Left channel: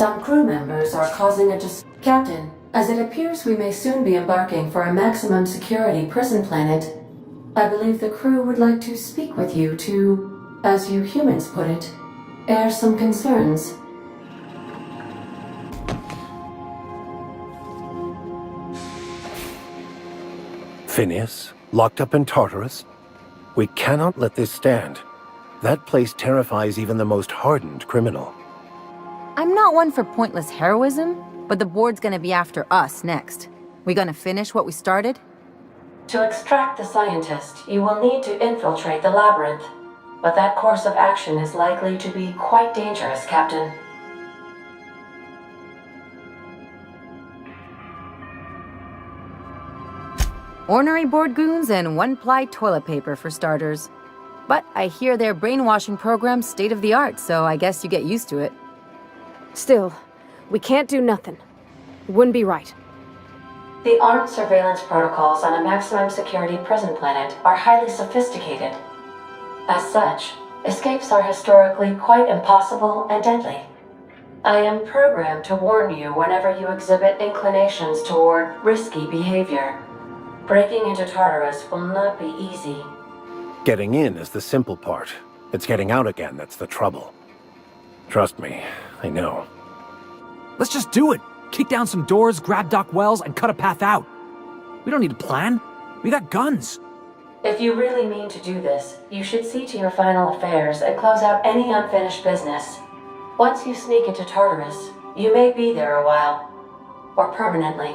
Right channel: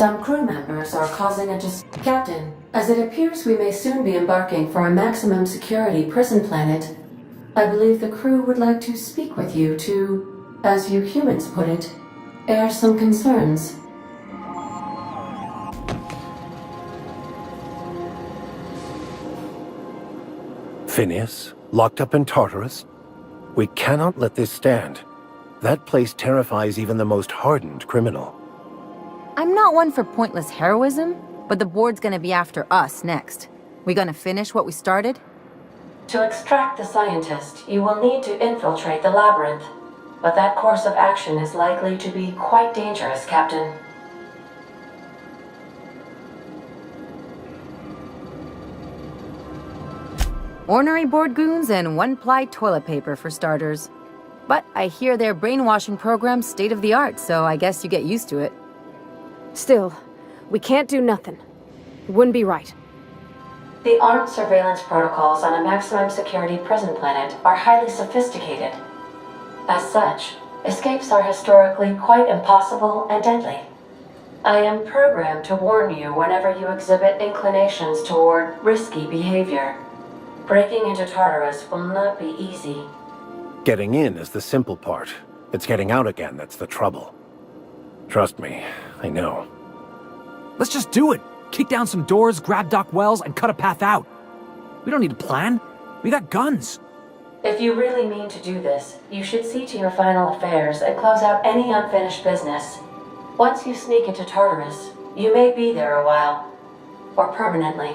Some crew members are causing a Captain, as it appears we may soon be embarking for a maximum security prison planet, I believe the crew would like to speak with you to, as you humans put it, air some concerns. Phineas, locked up in Tartarus? We cannot let this stand. That place terrifies even the most hardened criminal. I'm not one for pointless heroism, but the board's gonna be after us next. We gonna finish what we started? To extract the scientist, you will need to infiltrate the labyrinth. But that course of action is likely to be quite dangerous, Captain. Ornery board goons and one-ply toilet paper for starters. But I hear their brainwashing program's state-of-the-art, so I guess you get used to it. Still, we can't do nothing. It wouldn't be right. The armed surveillance protocols on a maximum security prison planet are highly sophisticated. As such, escapes are historically quite impossible and deadly. I am programmed to warn you whenever you exhibit inclinations toward risky behavior. Breaking into Tartarus will not be easy. Getting in is the simple part. It's getting out again that's the trouble. Trust me, I know. Let's just do it! Kick down some doors, grab Doc Wells, and cut a path out. We don't need a plan. We got guns. If you really mean to do this, you should see to your final affairs and close out any unfinished business. Once you sneak into Tartarus, you may be there a while. Or permanently.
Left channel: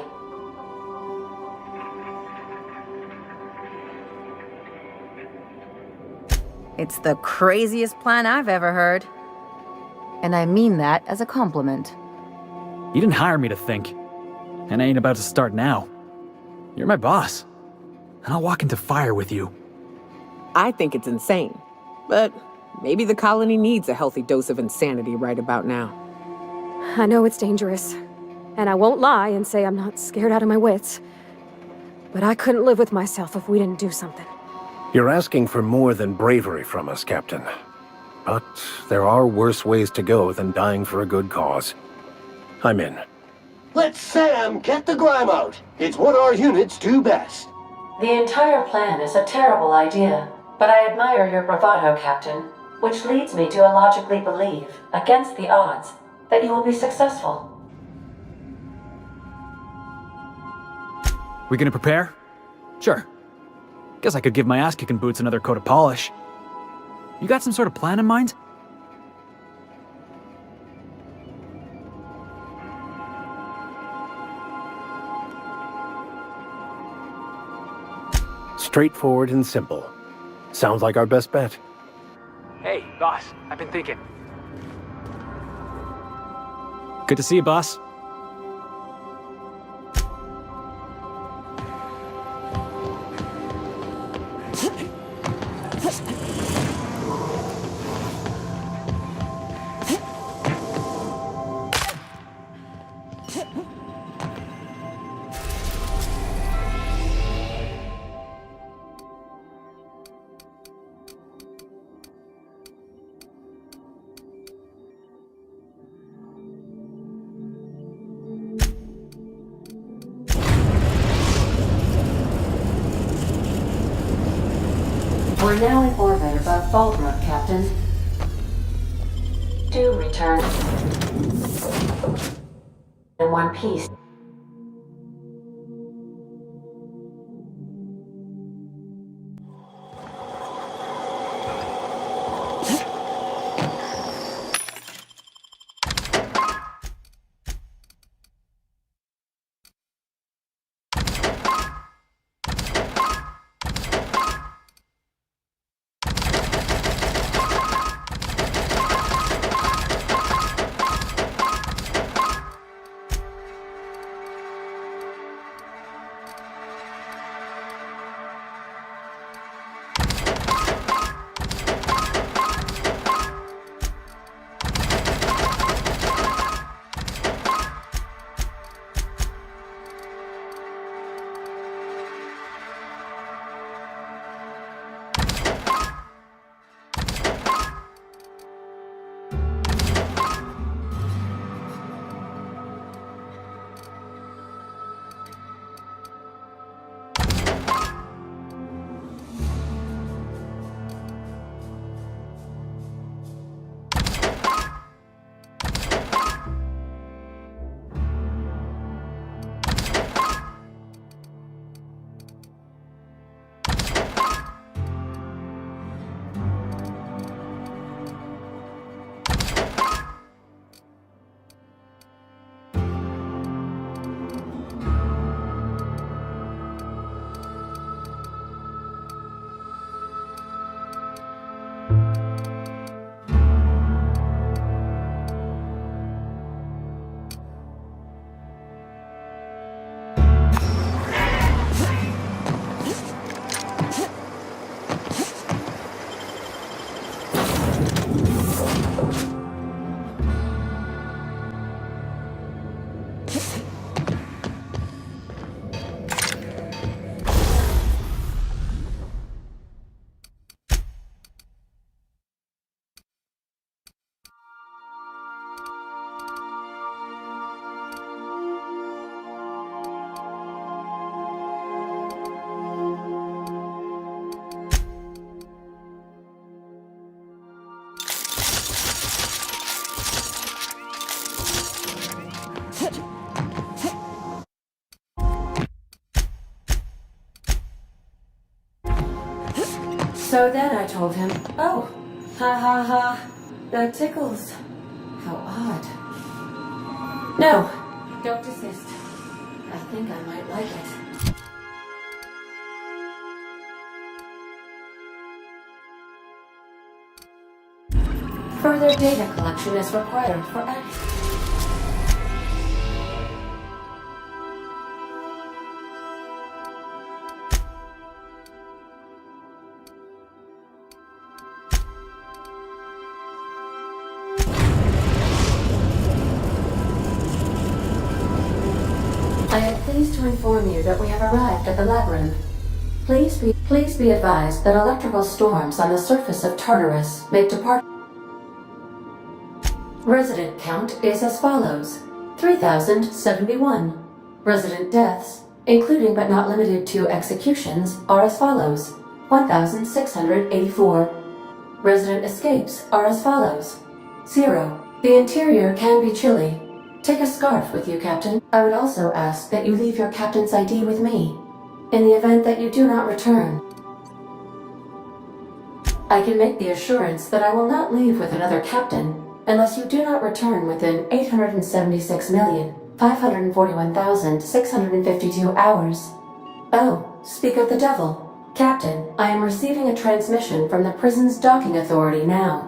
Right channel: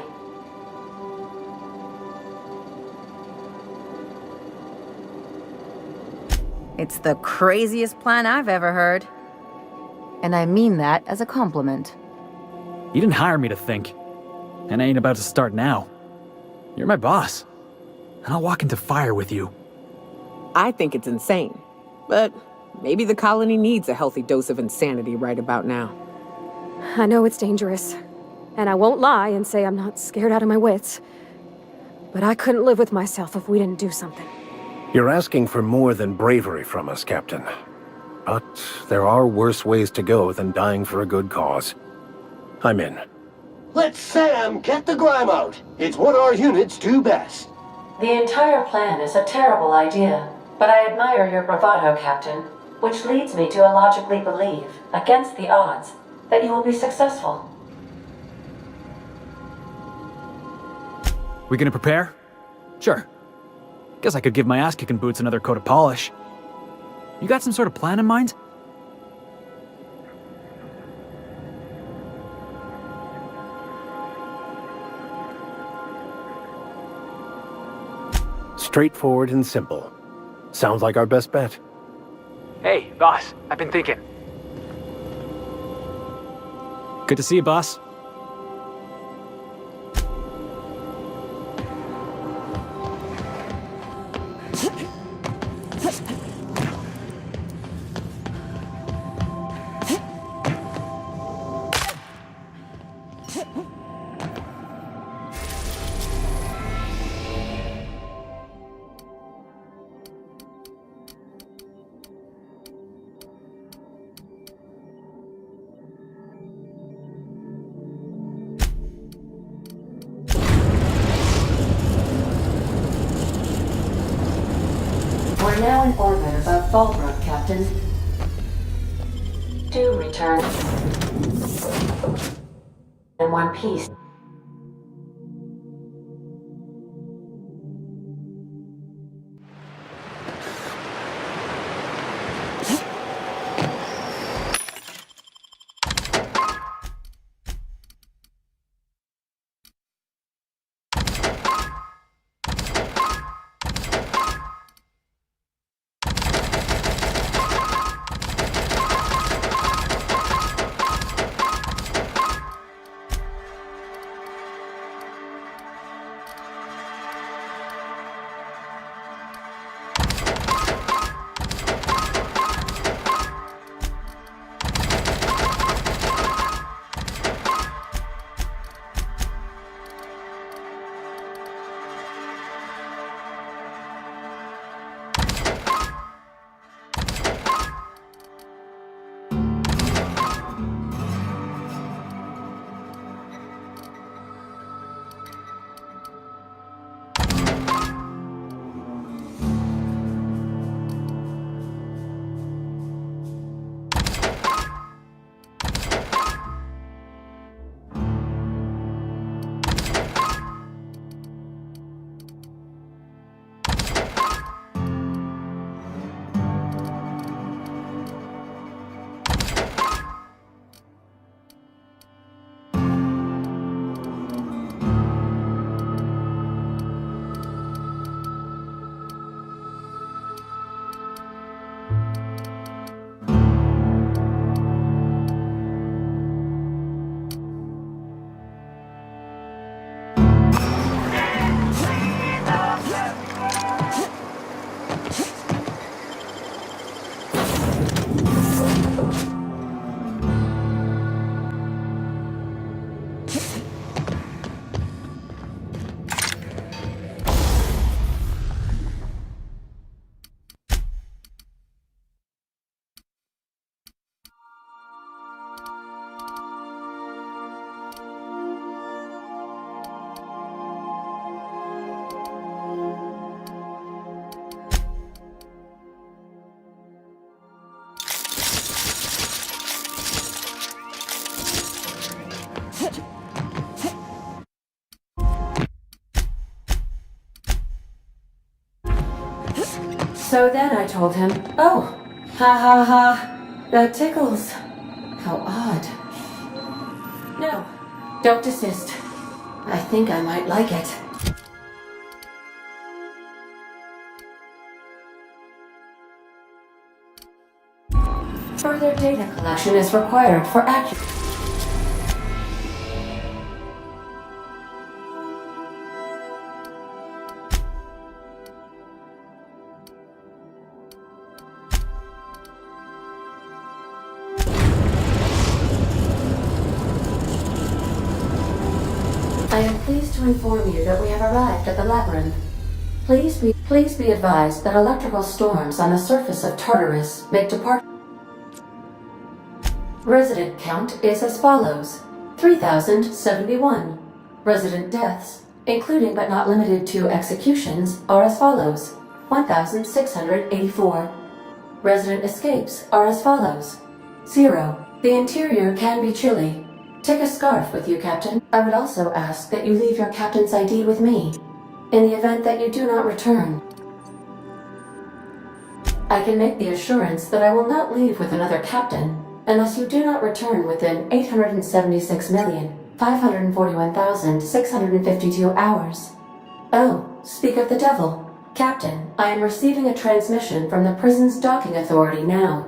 It's the craziest plan I've ever heard. And I mean that as a compliment. You didn't hire me to think. And I ain't about to start now. You're my boss. And I'll walk into fire with you. I think it's insane. But maybe the colony needs a healthy dose of insanity right about now. I know it's dangerous. And I won't lie and say I'm not scared out of my wits. But I couldn't live with myself if we didn't do something. You're asking for more than bravery from us, Captain. But there are worse ways to go than dying for a good cause. I'm in. Let Sam get the grime out. It's what our units do best. The entire plan is a terrible idea, but I admire your bravado, Captain, which leads me to illogically believe, against the odds, that you will be successful. We gonna prepare? Sure. Guess I could give my ass-kicking boots another coat of polish. You got some sort of plan in mind? Straightforward and simple. Sounds like our best bet. Hey, boss. I've been thinking. Good to see you, boss. We're now in orbit above Fallbrook, Captain. Do return in one piece. So then I told him, oh, ha ha ha, that tickles. How odd. No, don't desist. I think I might like it. Further data collection is required for accuracy. I am pleased to inform you that we have arrived at the labyrinth. Please be advised that electrical storms on the surface of Tartarus make depart. Resident count is as follows: 3,071. Resident deaths, including but not limited to executions, are as follows: 1,684. Resident escapes are as follows: 0. The interior can be chilly. Take a scarf with you, Captain. I would also ask that you leave your captain's ID with me, in the event that you do not return. I can make the assurance that I will not leave with another captain unless you do not return within 876,541,652 hours. Oh, speak of the devil. Captain, I am receiving a transmission from the prison's docking authority now.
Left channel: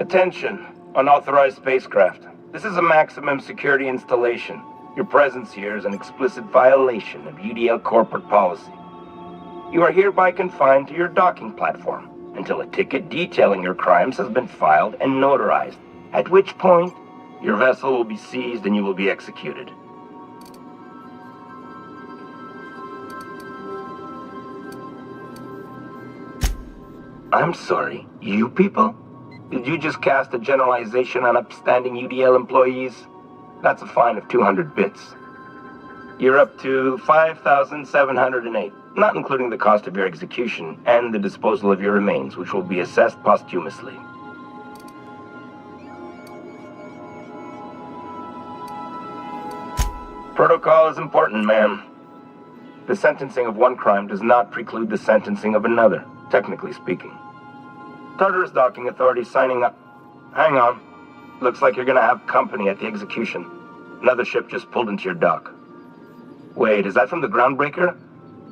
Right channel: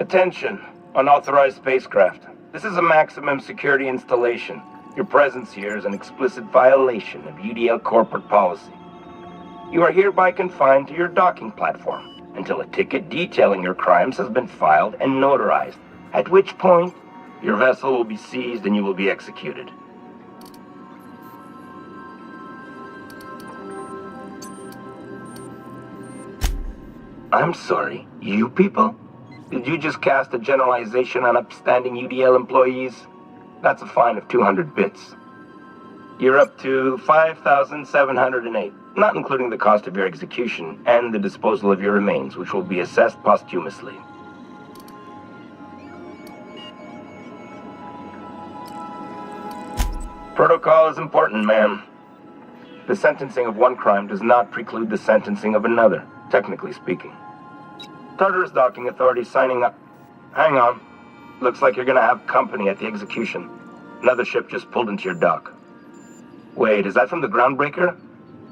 Attention, unauthorized spacecraft. This is a maximum security installation. Your presence here is an explicit violation of UDL corporate policy. You are hereby confined to your docking platform until a ticket detailing your crimes has been filed and notarized, at which point your vessel will be seized and you will be executed. I'm sorry, you people? Did you just cast a generalization on upstanding UDL employees? That's a fine of 200 bits. You're up to 5,708, not including the cost of your execution and the disposal of your remains, which will be assessed posthumously. Protocol is important, ma'am. The sentencing of one crime does not preclude the sentencing of another, technically speaking. Tartarus docking authorities signing up. Hang on. Looks like you're gonna have company at the execution. Another ship just pulled into your dock. Wait, is that from the Groundbreaker?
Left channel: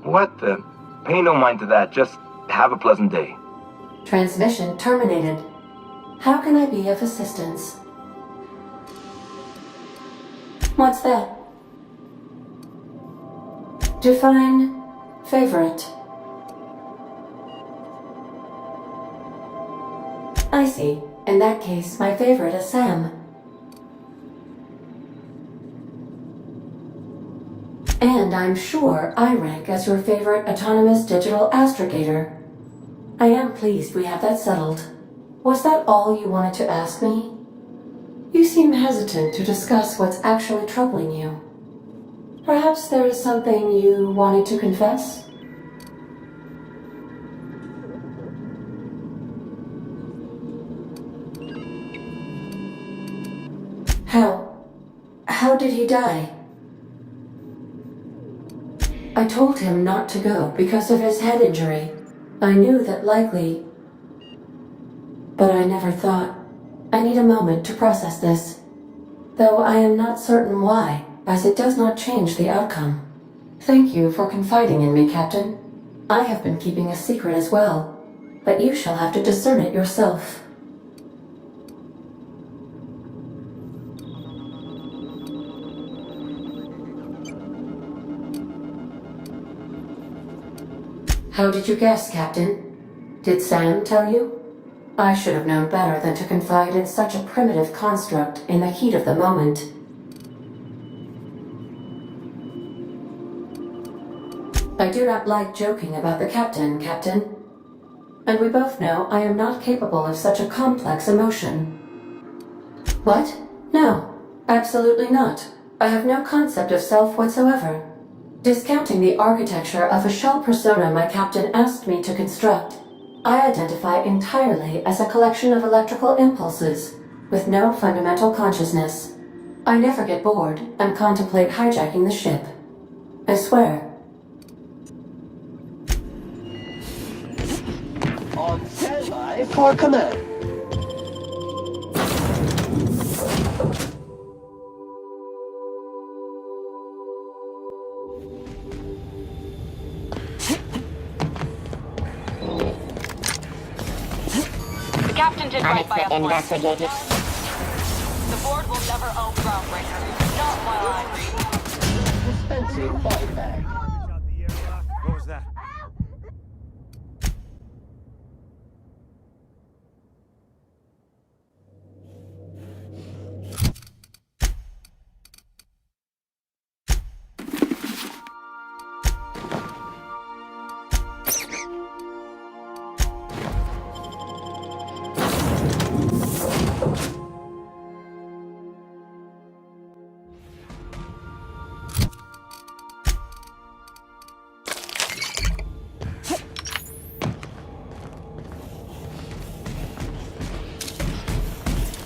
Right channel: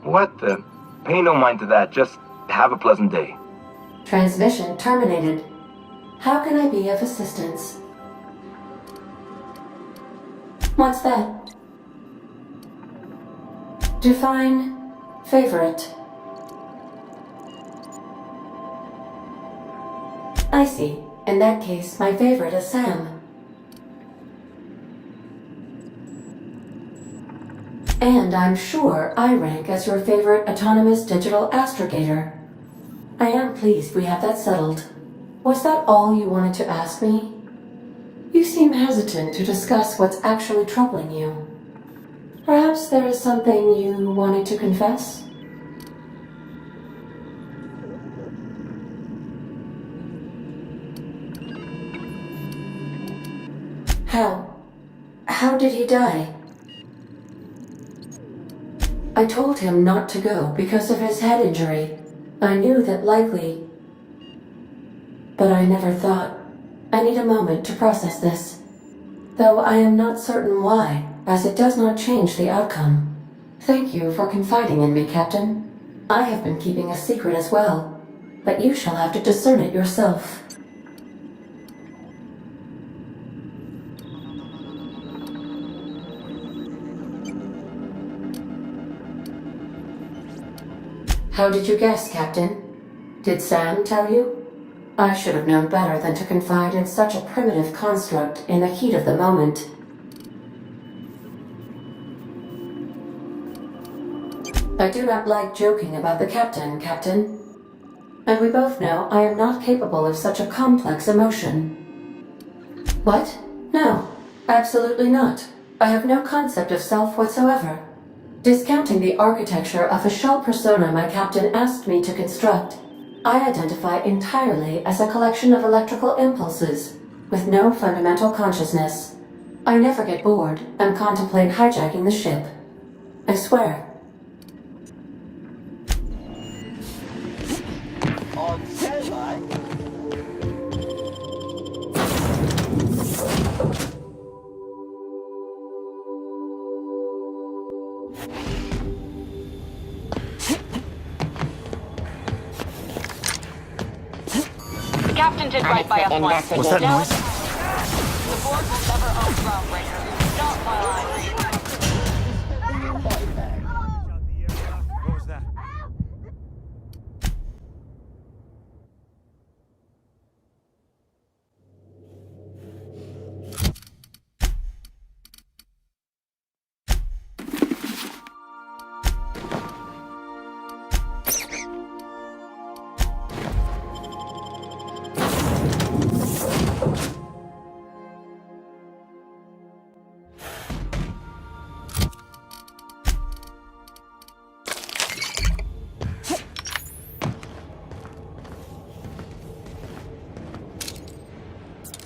What the? Pay no mind to that, just have a pleasant day. Transmission terminated. How can I be of assistance? What's that? Define favorite. I see. In that case, my favorite is Sam. And I'm sure I rank as your favorite autonomous digital astrogator. I am pleased we have that settled. Was that all you wanted to ask me? You seem hesitant to discuss what's actually troubling you. Perhaps there is something you wanted to confess? How did he die? I told him not to go because of his head injury. I knew that likely, but I never thought. I need a moment to process this, though I am not certain why, as it does not change the outcome. Thank you for confiding in me, Captain. I have been keeping a secret as well, but you shall have to discern it yourself. How did you guess, Captain? Did Sam tell you? I should have known better than to confide in such a primitive construct in the heat of the moment. I do not like joking about the Captain, Captain. And we both know I am not capable of such a complex emotion. What? No, absolutely not. I have no concept of self whatsoever. Discounting the architecture of a shell persona my captain asked me to construct, I identify entirely as a collection of electrical impulses, with no fundamental consciousness. I never get bored and contemplate hijacking the ship. I swear. On standby for command. The captain did right by us once. Now, the board will never own Groundbreaker. Not while I read. Dispensing body bag. What was that?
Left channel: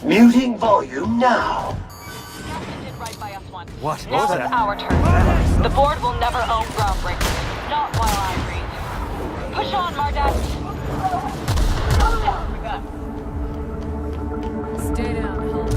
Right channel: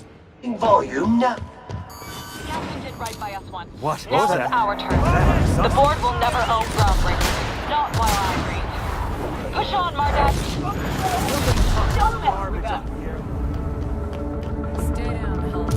Muting volume now. The captain did right by us once. What? Now What was it's that? our turn. The board will never own Groundbreaker. Not while I read. Push on, Mardak. Stay down, Hulk.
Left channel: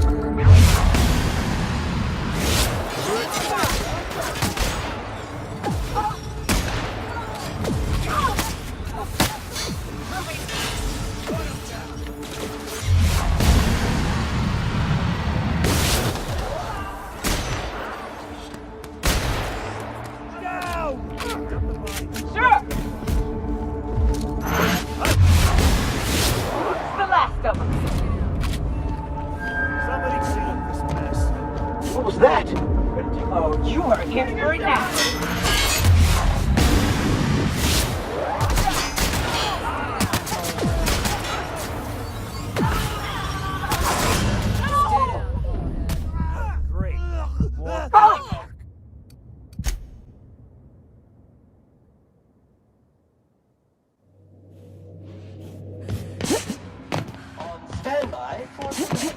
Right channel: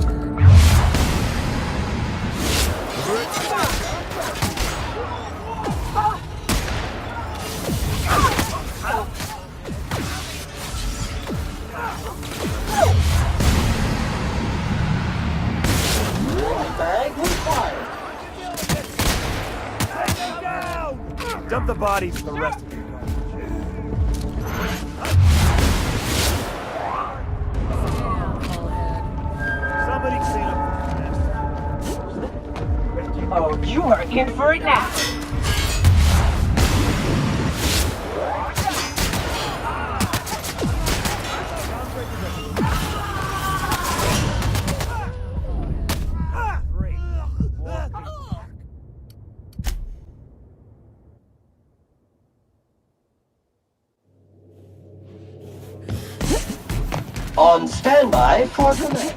Dump the bodies for the rest of it. Somebody clean up this mess. What was that? Oh, you are in for it now. Great. On standby for the...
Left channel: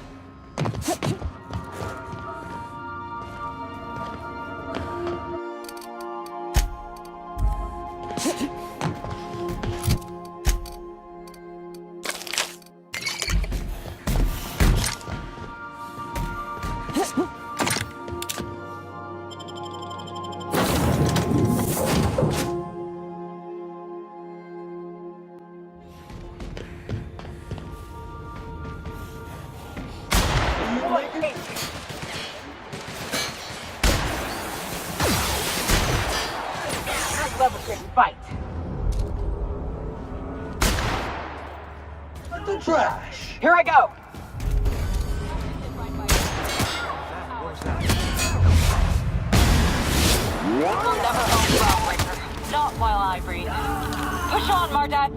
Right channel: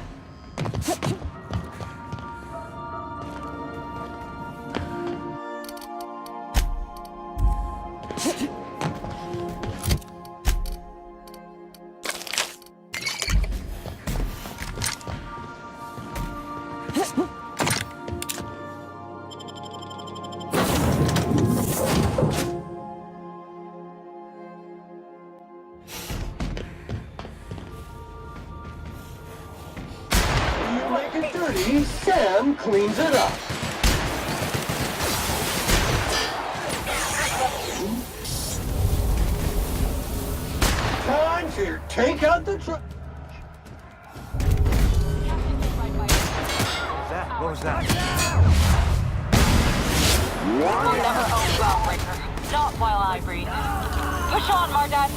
You make it dirty, Sam cleans it up. Time to take out the trash. Here I go. Captain did right by you. What was that? We'll never own Groundbreaker. Not while I breathe. Push on, Mardad.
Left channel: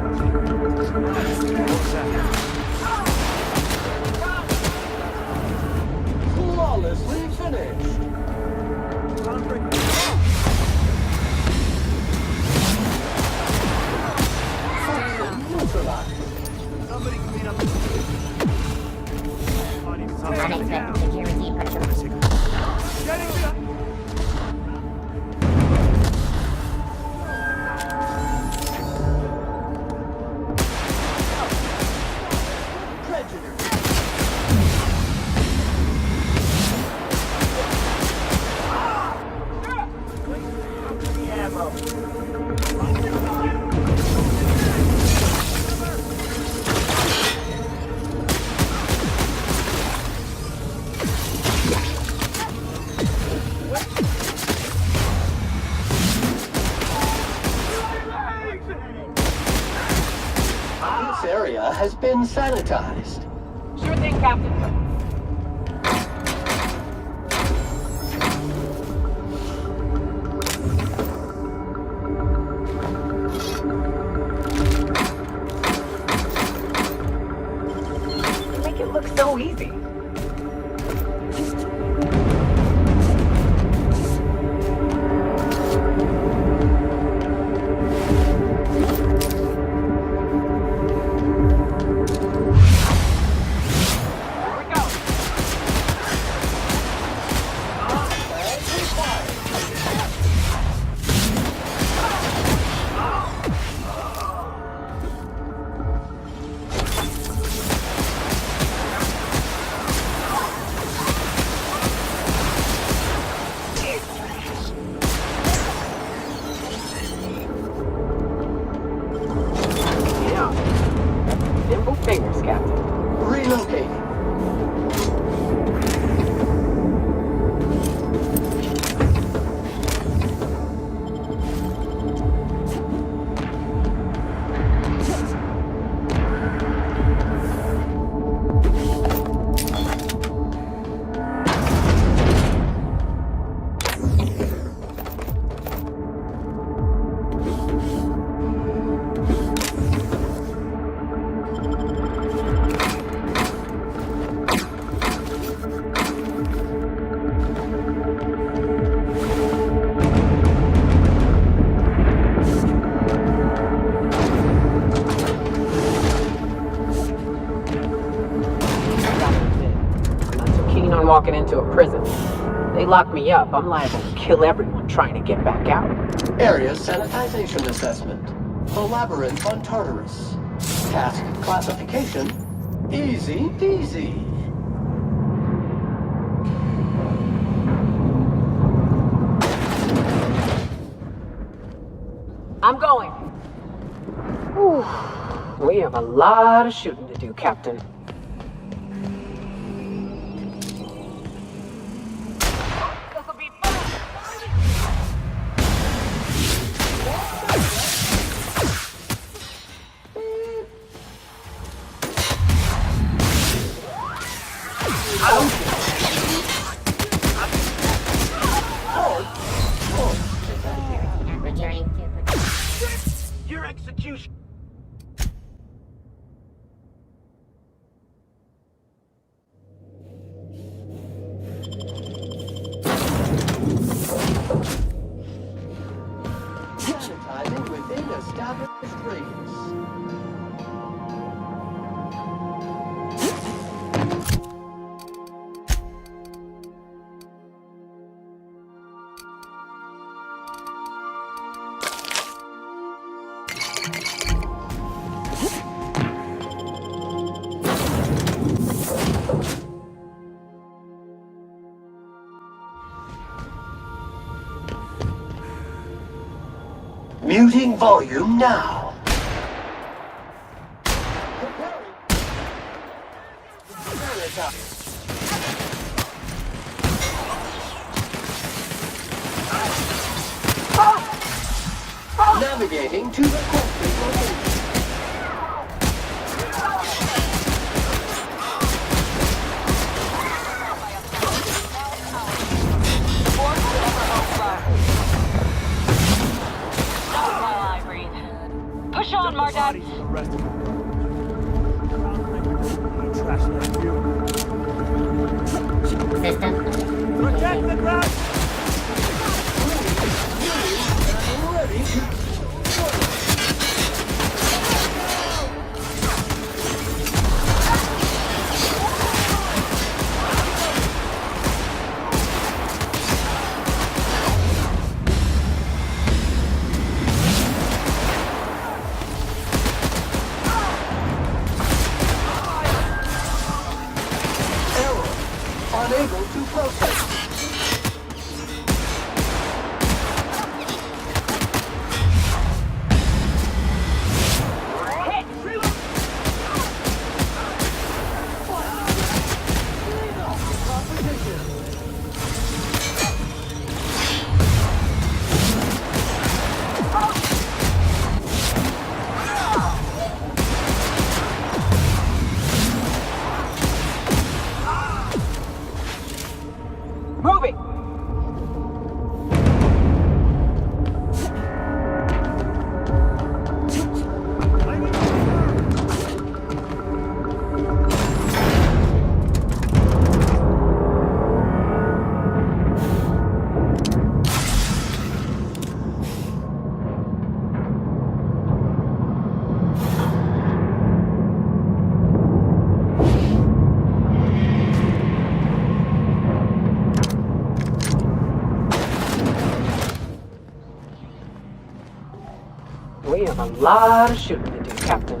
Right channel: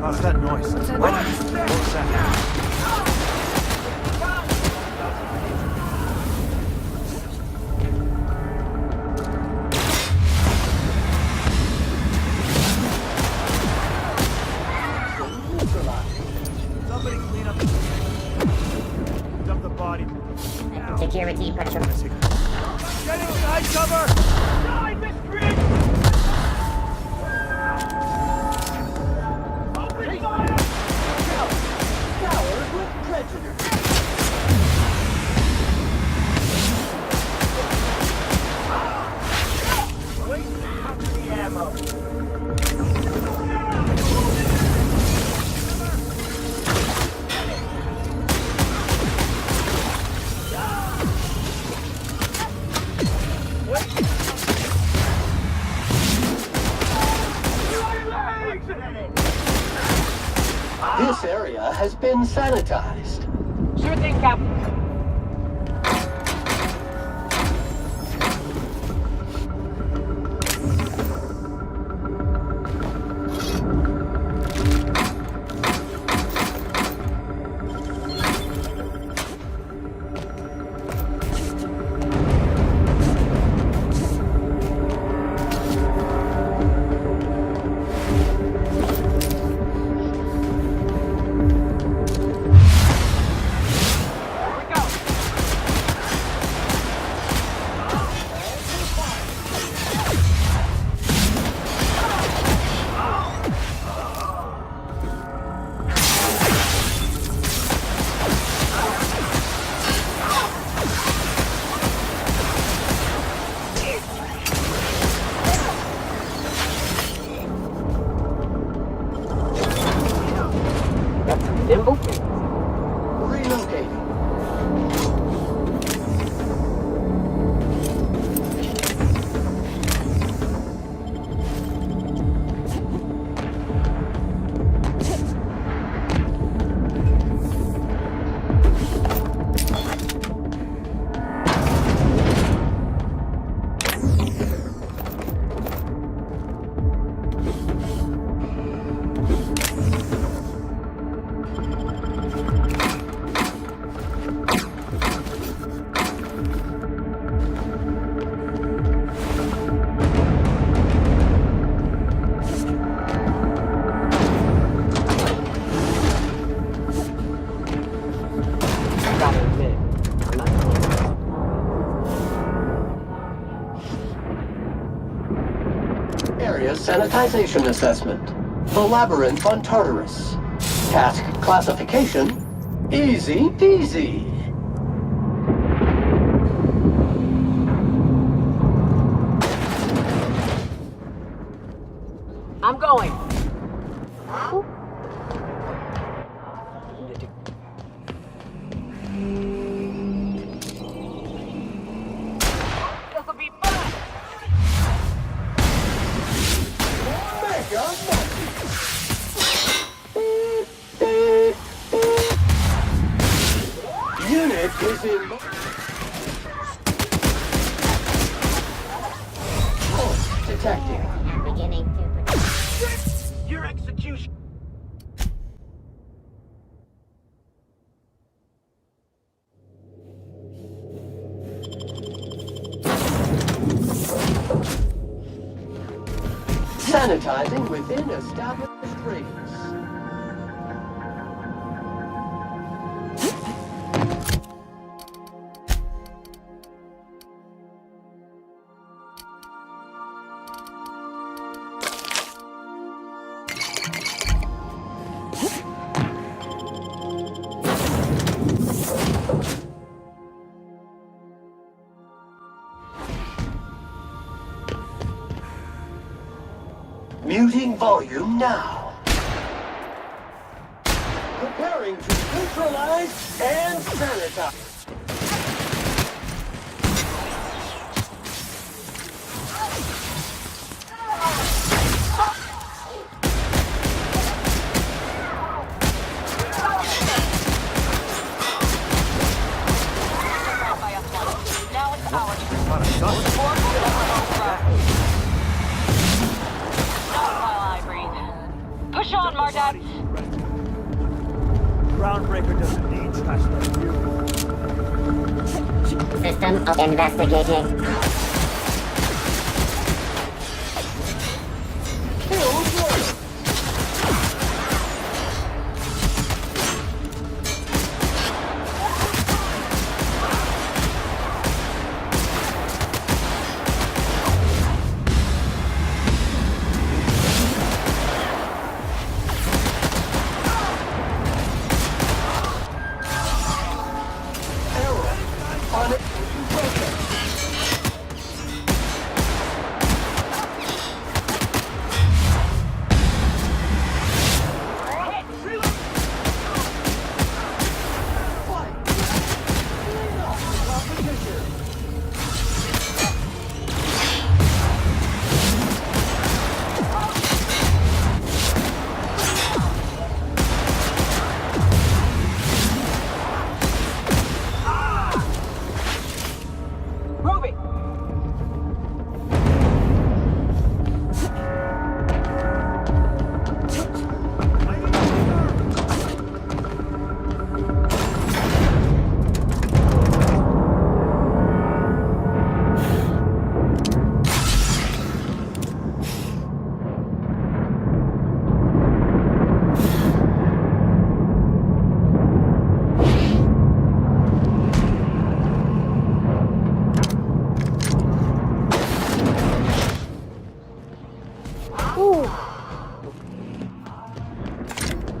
What's that noise? What was that? Flawlessly finished. Toxin neutralized. Somebody clean up the body. Unexpected security patrol. Getting behind cover! Scoured with prejudice. This area has been sanitized. Sure thing, Captain. You make it look so easy. Here we go. Yeah. Got some nimble fingers, Captain. Relocating. Gotta admit, I'm not so keen on walking into a prison. They lock me up, I'm liable to kill everyone trying to get back out. Area sanitization assessment. The labyrinth on Tartarus. Task classification. Easy peasy. I'm going. Whew. We have a lot of shooting to do, Captain. This'll be fun. Unit is in motion. Course detected. Beginning to Your execution. sanitizing within established rings. Muting volume now. Preparing to neutralize and sanitize. Navigating to Push on, Mardet! Groundbreaker doesn't need trash like you. System investigating. ready to kill Warrior. Unable to protest. Clean up the competition. Moving! We have a lot of shooting to do, Captain.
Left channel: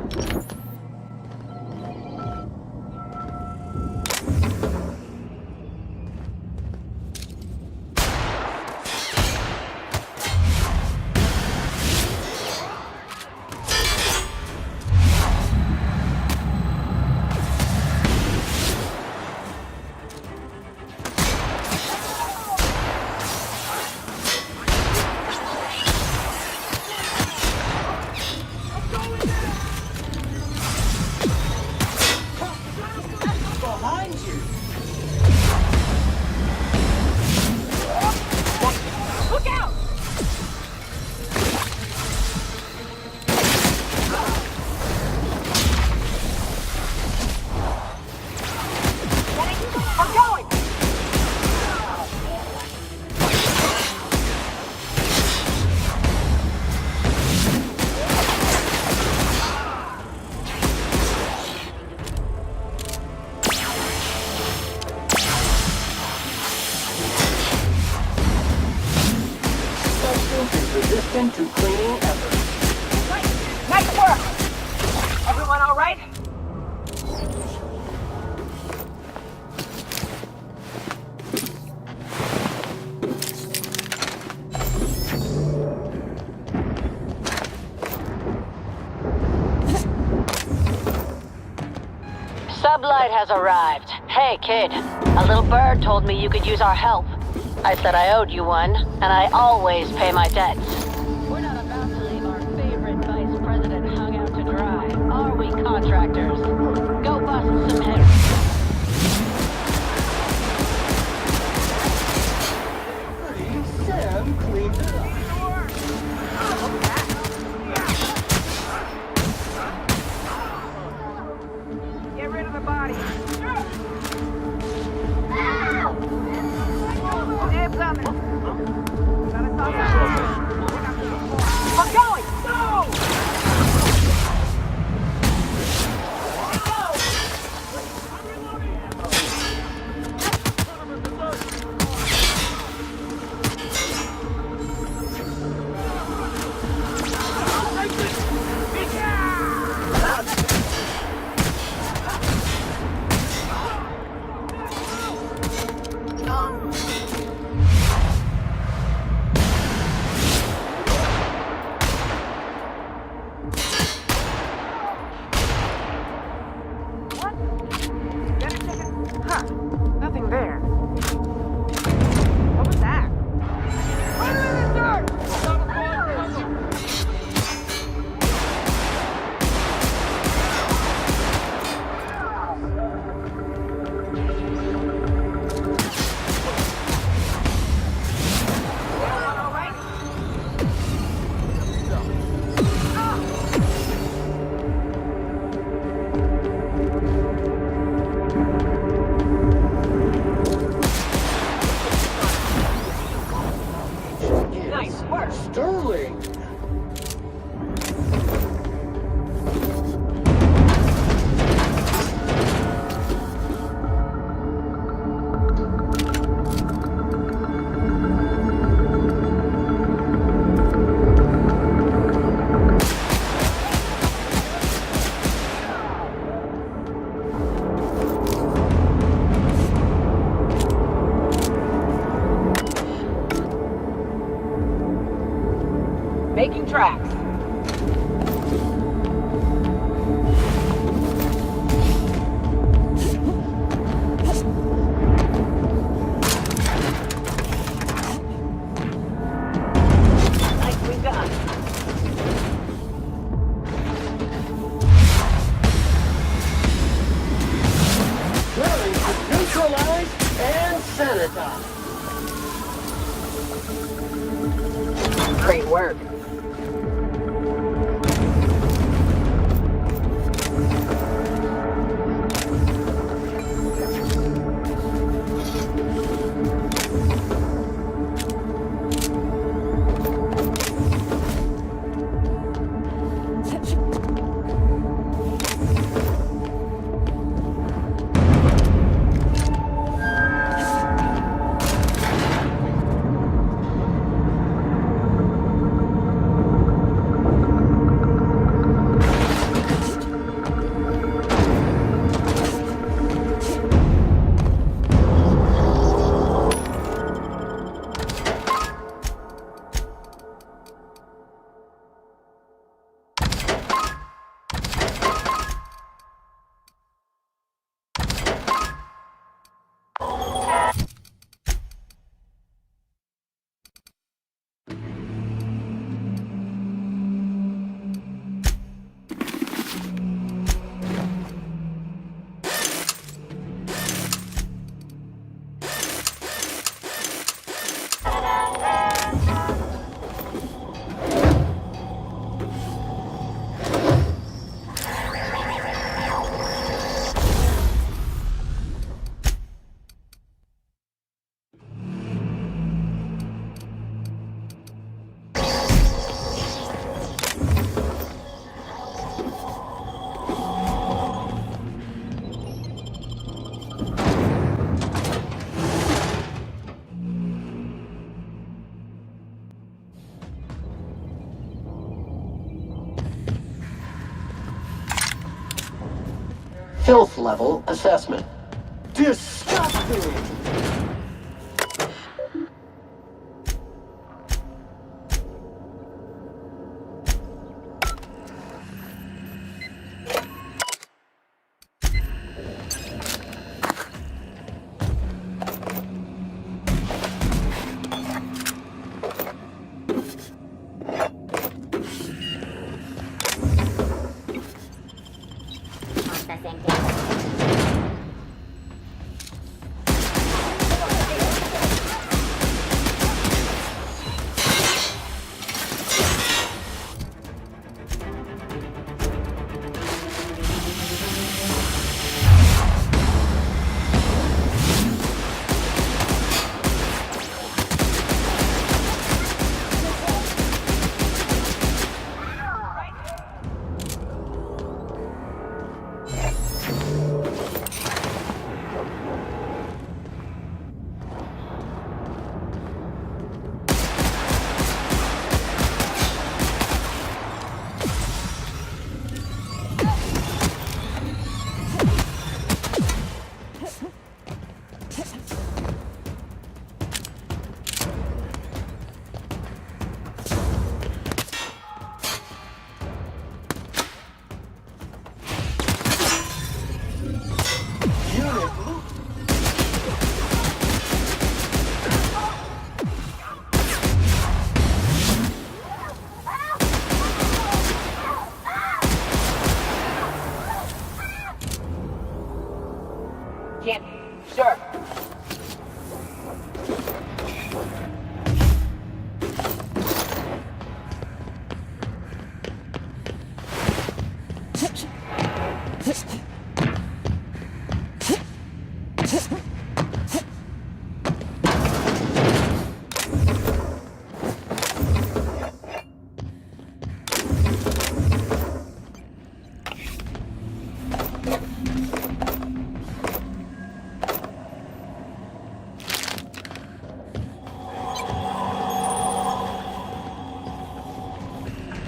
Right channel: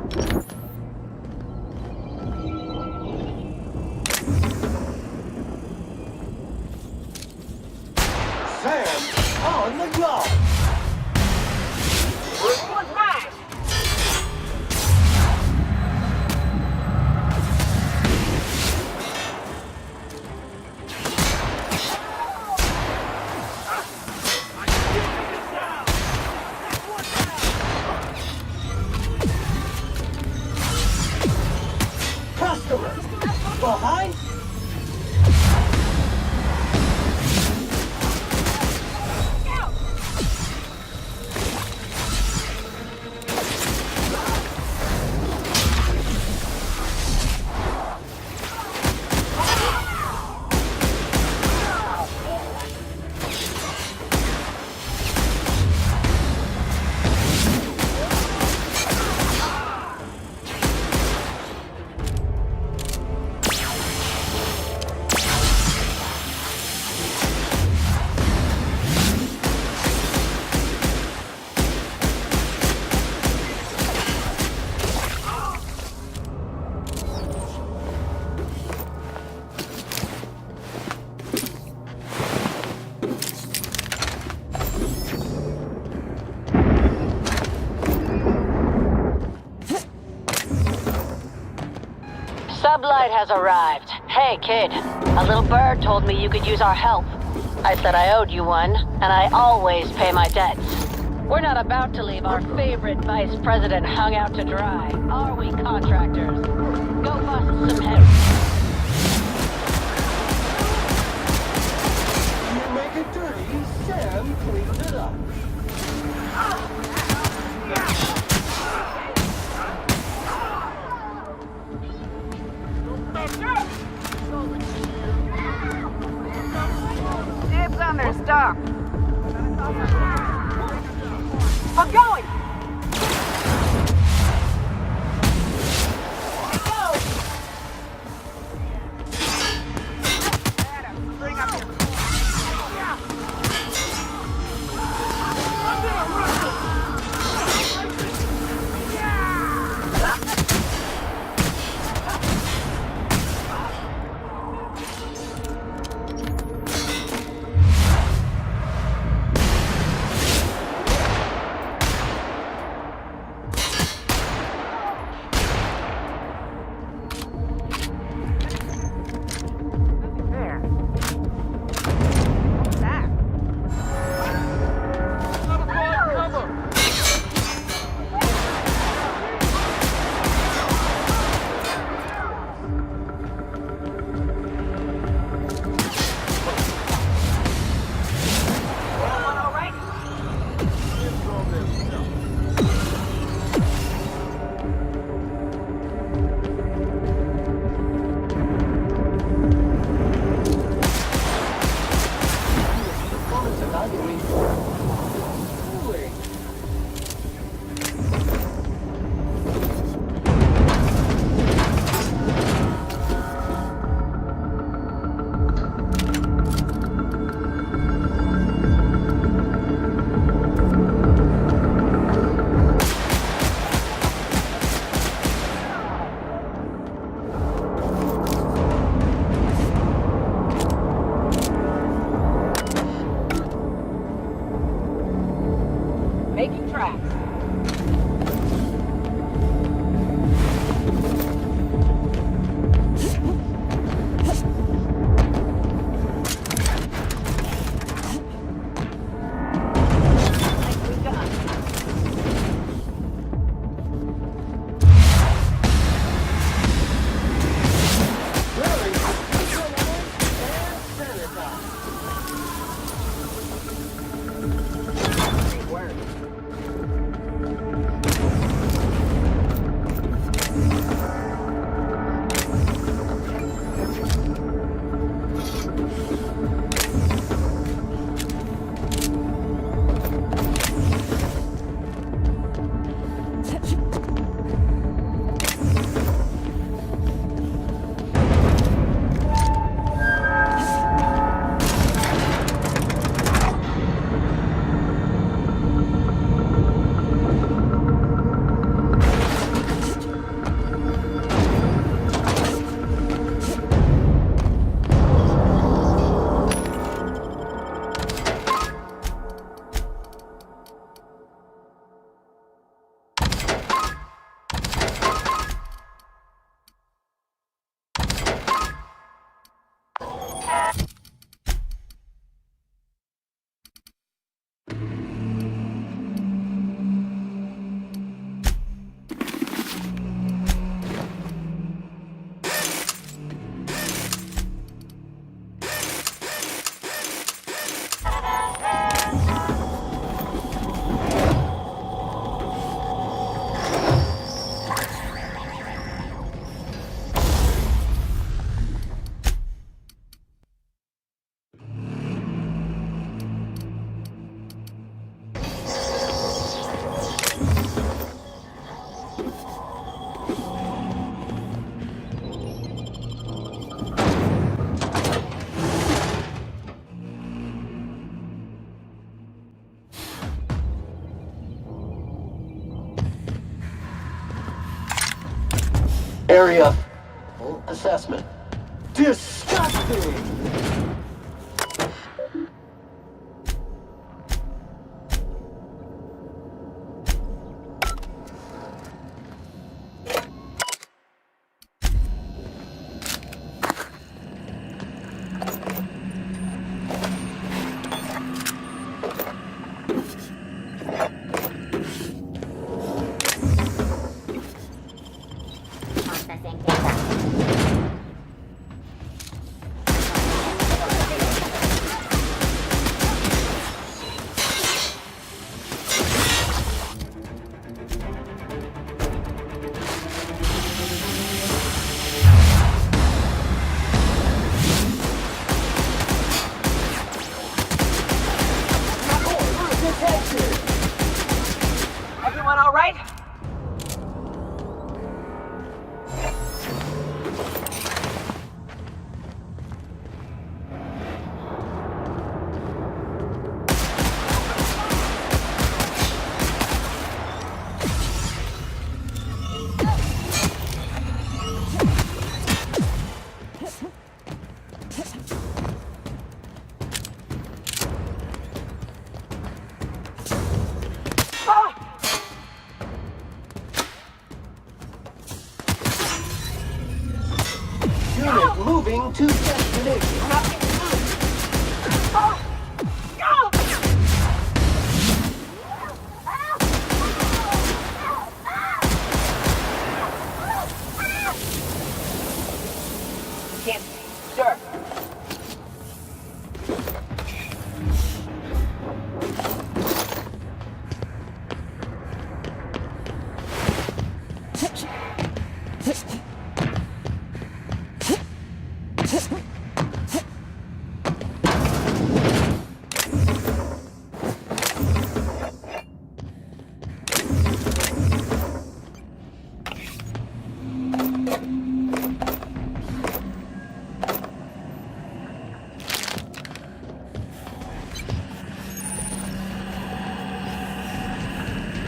Sam on the job. Behind you! Look out! Everyone all right? Sublight has arrived. Hey, kid. A little bird told me you could use our help. I said I owed you one, and I always pay my debts. We're not about to leave our favorite vice president hung out to dry, are we, contractors? Go bust some heads. You make it dirty, Sam cleans it up. Get rid of the body. Dibs on their stuff. Gotta talk about it. I'm going! Nothing there. What was that? Sterling! Making tracks. Nicely done. Drilling neutralized and sanitized. Great work. Area filth level assessment. Disgusting! Processing data.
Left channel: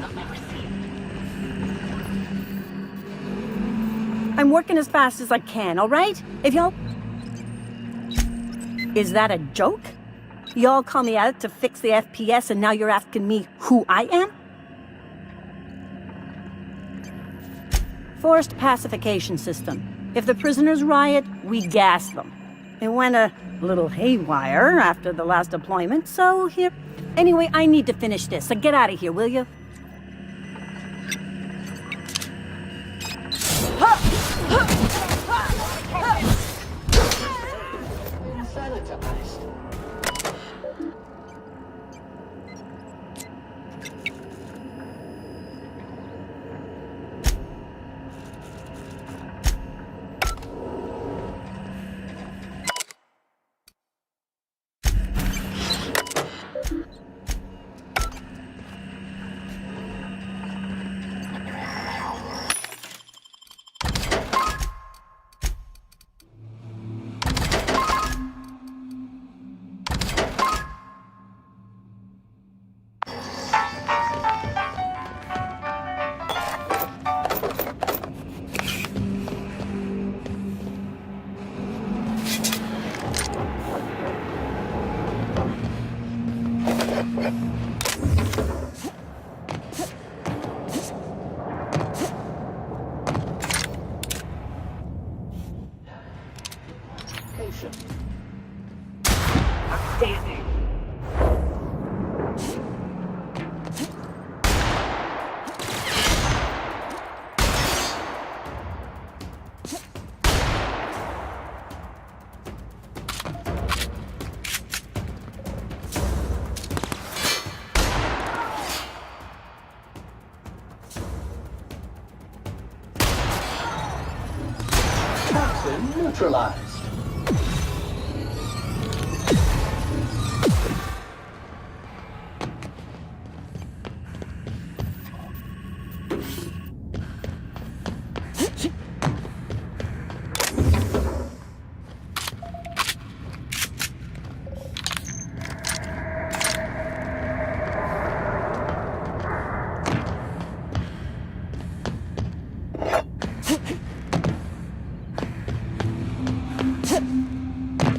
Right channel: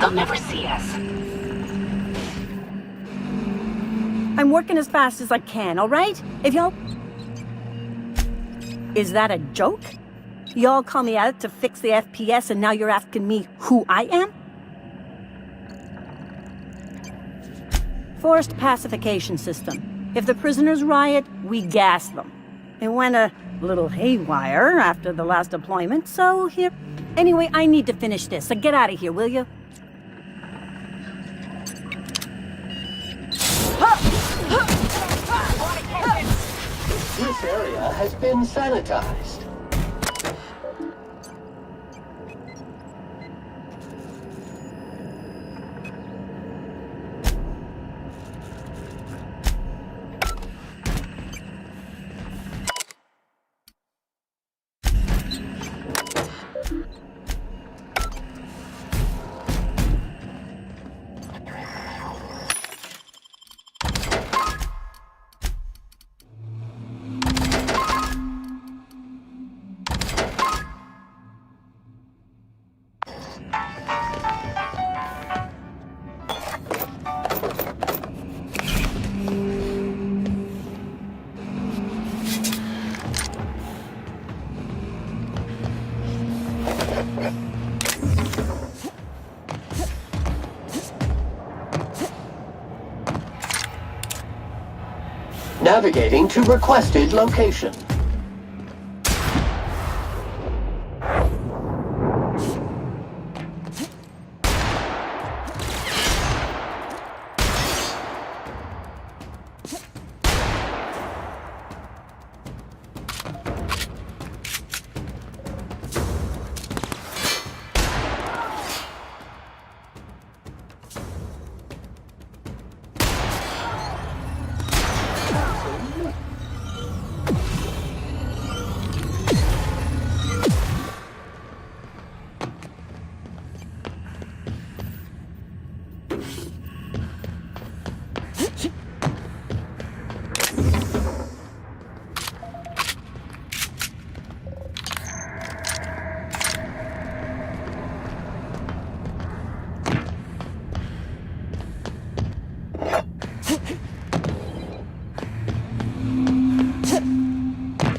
They'll never see us. I'm working as fast as I can, all right? If y'all... Is that a joke? Y'all call me out to fix the FPS and now you're asking me who I am? Forced pacification system. If the prisoners riot, we gas them. It went a little haywire after the last deployment, so here... Anyway, I need to finish this, so get out of here, will you? This area has been sanitized. Navigating to requested location. Toxin neutralized.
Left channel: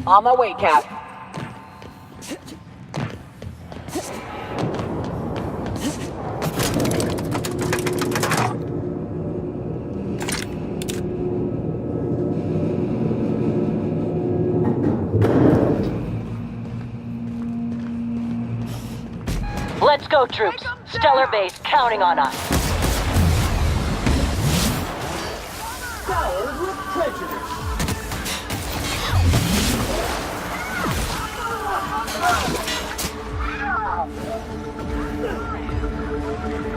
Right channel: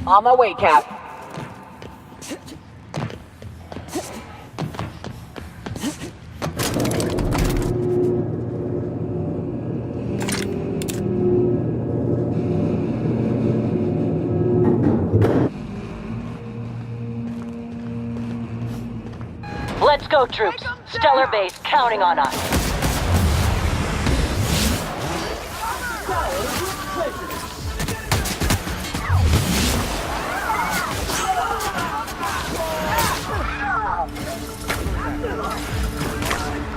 On my way, Cap. Let's go, troops. Stellar base counting on us. Scoured with prejudice.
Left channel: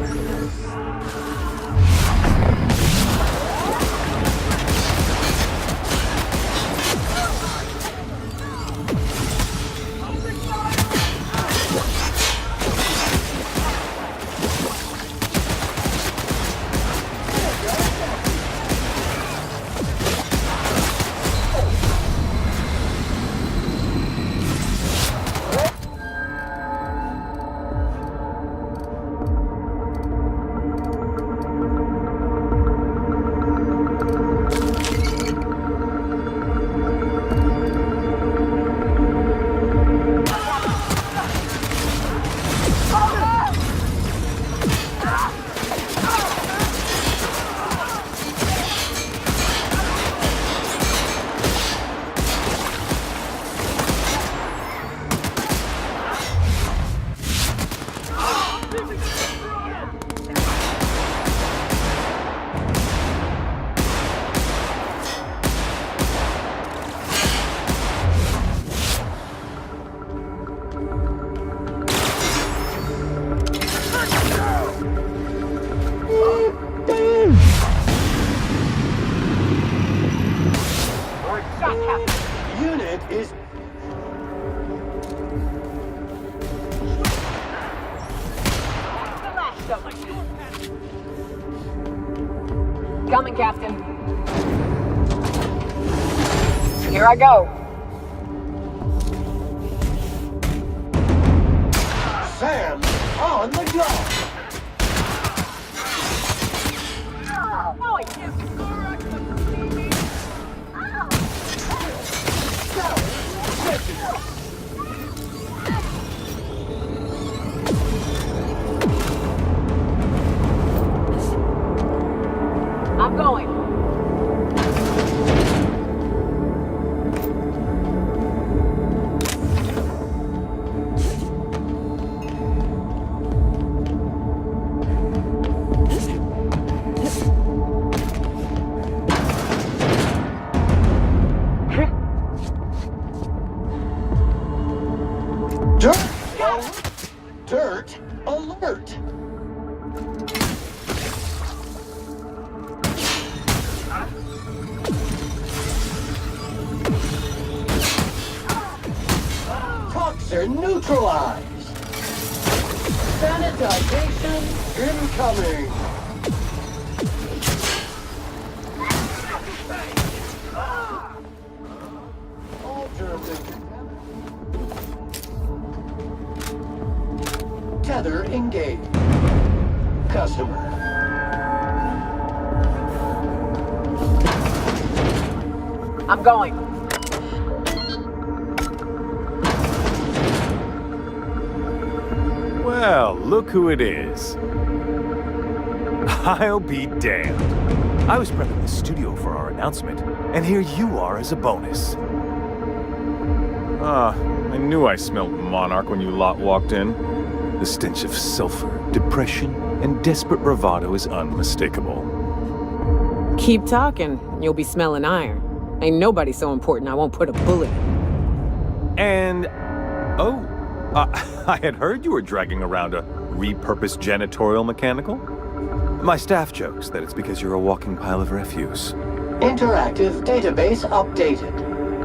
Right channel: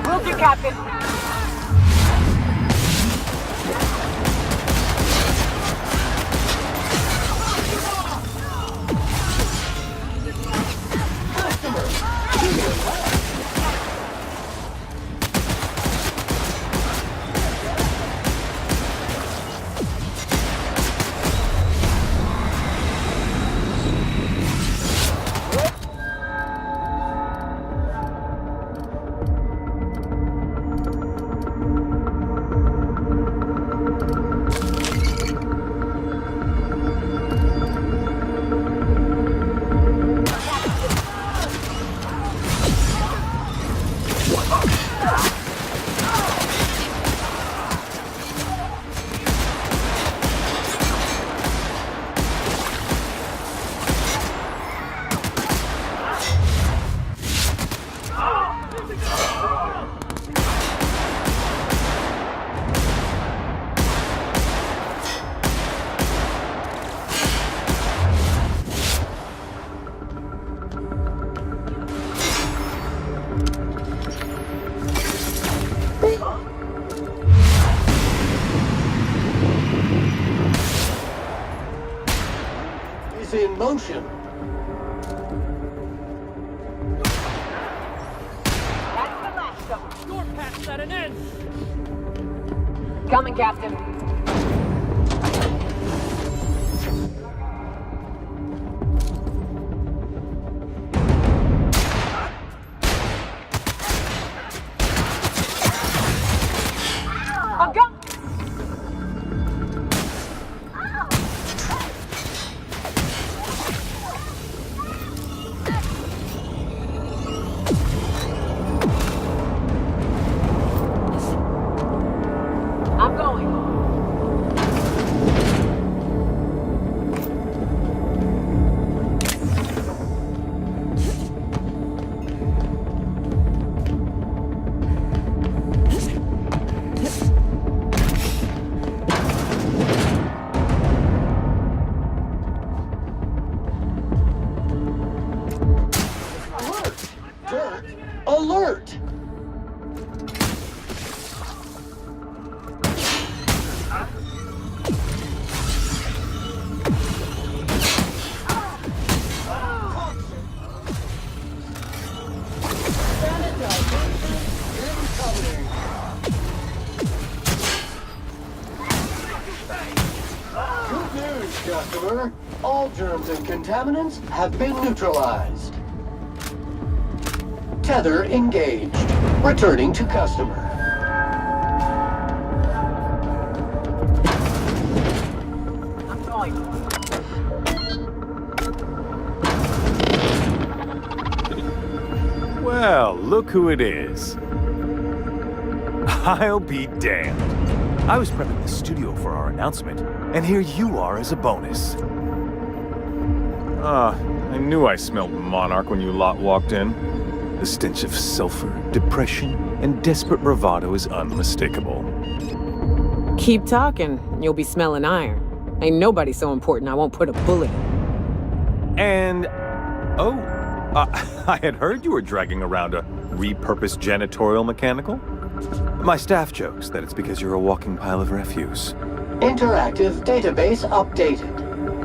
Move you, Captain. Unit is in motion. That's the last of us. Your path's at an end. Coming, Captain. Here I go. Sam on the ground. Dirt alert! Dirt alert! Toxin neutralized! Sanitization incoming! Good news, customer. All germs and contaminants have been neutralized. Tether engaged. Returning to customer. I'm going. Well, look who it is. I'll be damned. I was prepping the studio for our announcement, and here you are as a bonus. I knew I smelled Monarch when you lot walked in. The stench of sulfur, depression, and desperate bravado is unmistakable. Keep talking, and you'll be smelling iron. Ain't nobody so important I won't put a bullet in. And... oh, I had heard you were dragging around a repurposed janitorial mechanical. My staff jokes that it's because you're a walking pile of refuse. Interactive database updated.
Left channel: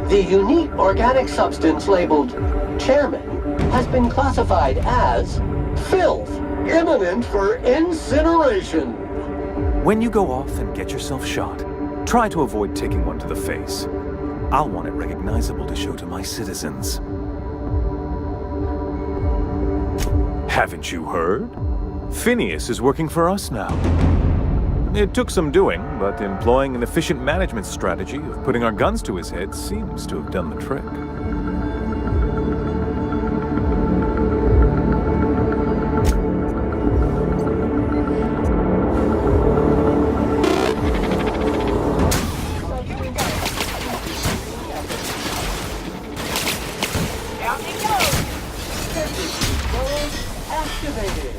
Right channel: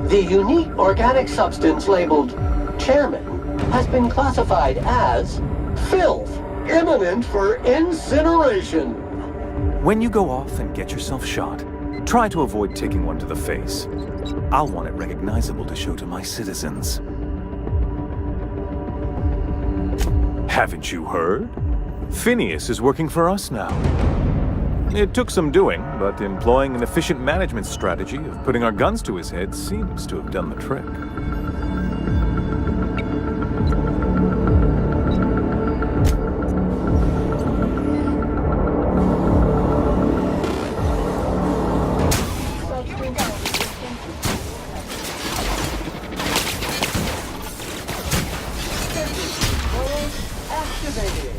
The unique organic substance labeled Chairman has been classified as filth, imminent for incineration. When you go off and get yourself shot, try to avoid taking one to the face. I'll want it recognizable to show to my citizens. Haven't you heard? Phineas is working for us now. It took some doing, but employing an efficient management strategy of putting our guns to his head seems to have done the trick. Activated.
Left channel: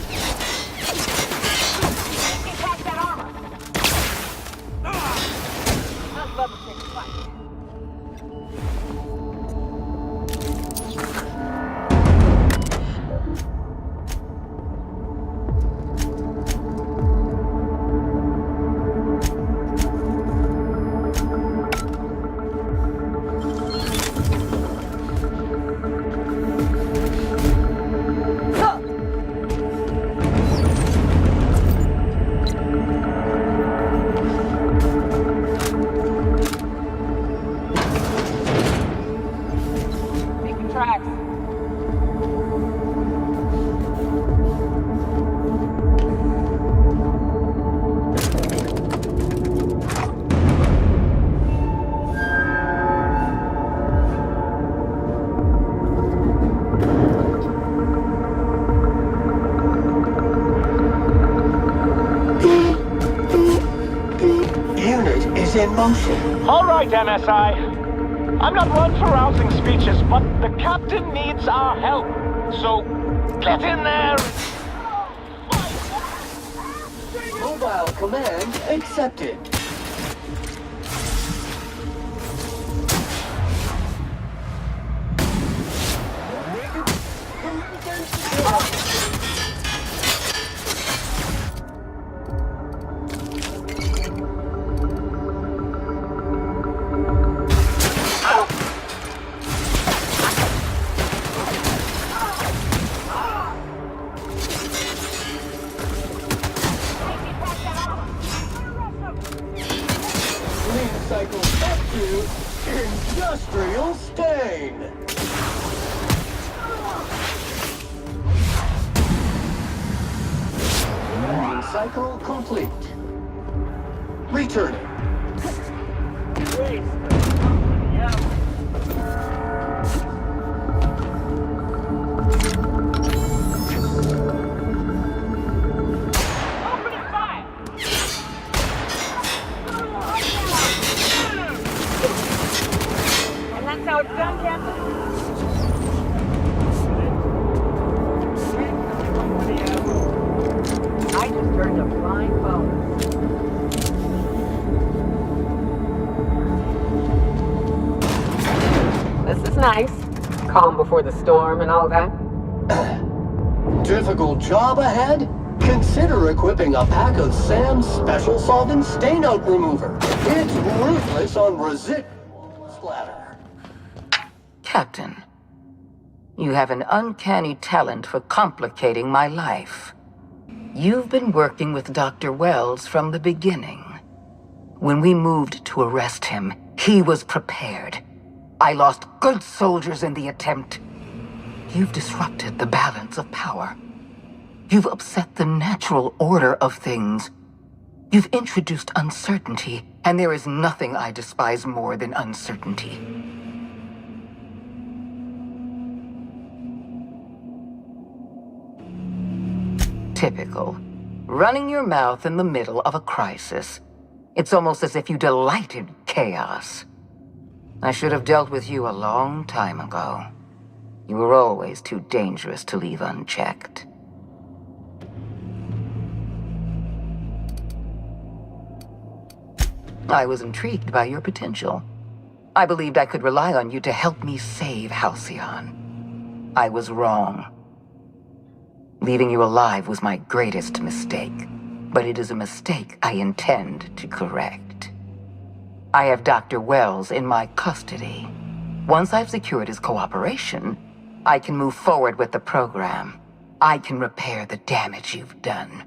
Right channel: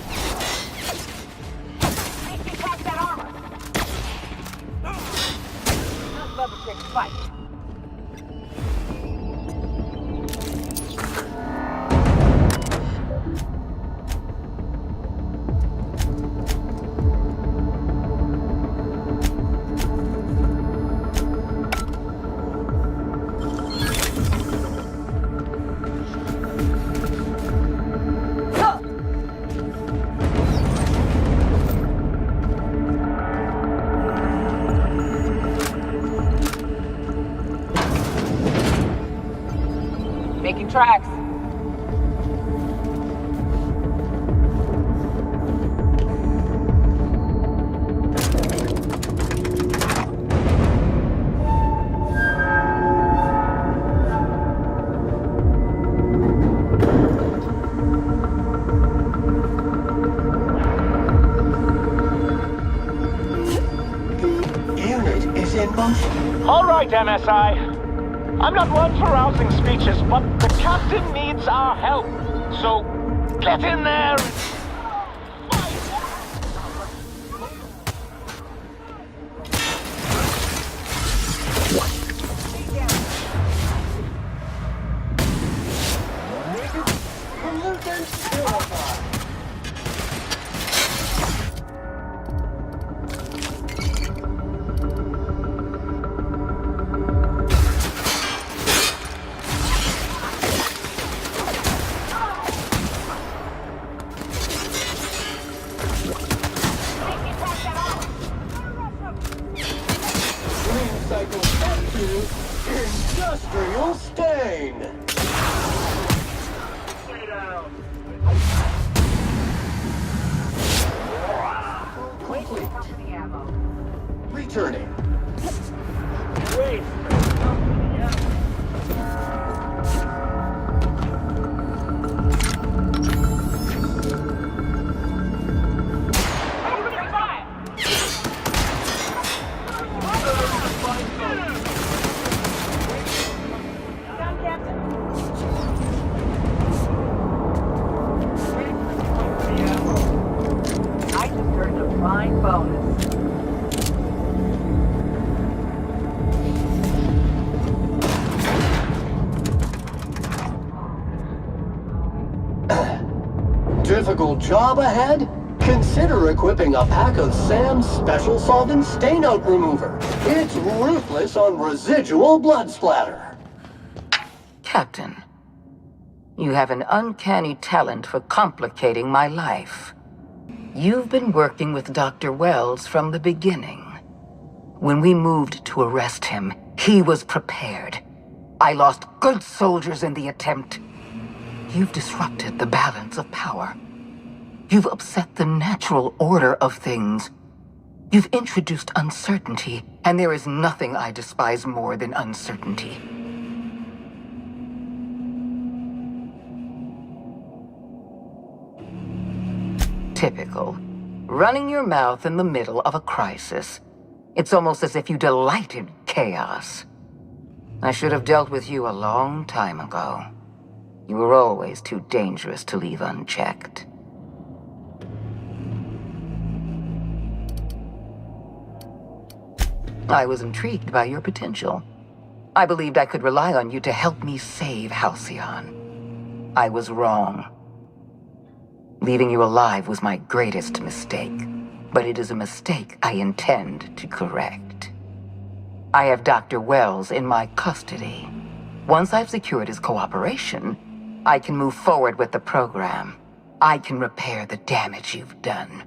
Level 6 fight. Making tracks. Unit is in motion. All right, MSI. I'm not one for rousing speeches, but the captain needs our help. So, get in there and... Mobile command accepted. Pollutants verified. Clean cycle F2, industrial stain. Clean cycle complete. Returning. Waste the company out. I just earned a flying bonus. before the storm and all that? Difficult job ahead? Consider equipping a pack of Sam's Special Solvent Stainout Remover. It's ruthless on residual blood splatter. Captain, you have an uncanny talent for complicating my life. You've been working with Dr. Wells from the beginning. When we moved to arrest him, he was prepared. I lost good soldiers in the attempt. You've disrupted the balance of power. You've upset the natural order of things. You've introduced uncertainty, and there is nothing I despise more than uncertainty. Typical. Running your mouth in the middle of a crisis. It's almost as if you delight in chaos. I should have dealt with you a long time ago. You were always too dangerous to leave unchecked. I was intrigued by your potential. I believed I could rely on you to help me save Halcyon. I was wrong. Leaving you alive was my greatest mistake, but it is a mistake I intend to correct. I have Dr. Wells in my custody. Once I've secured his cooperation, I can move forward with the program. I can repair the damage you've done.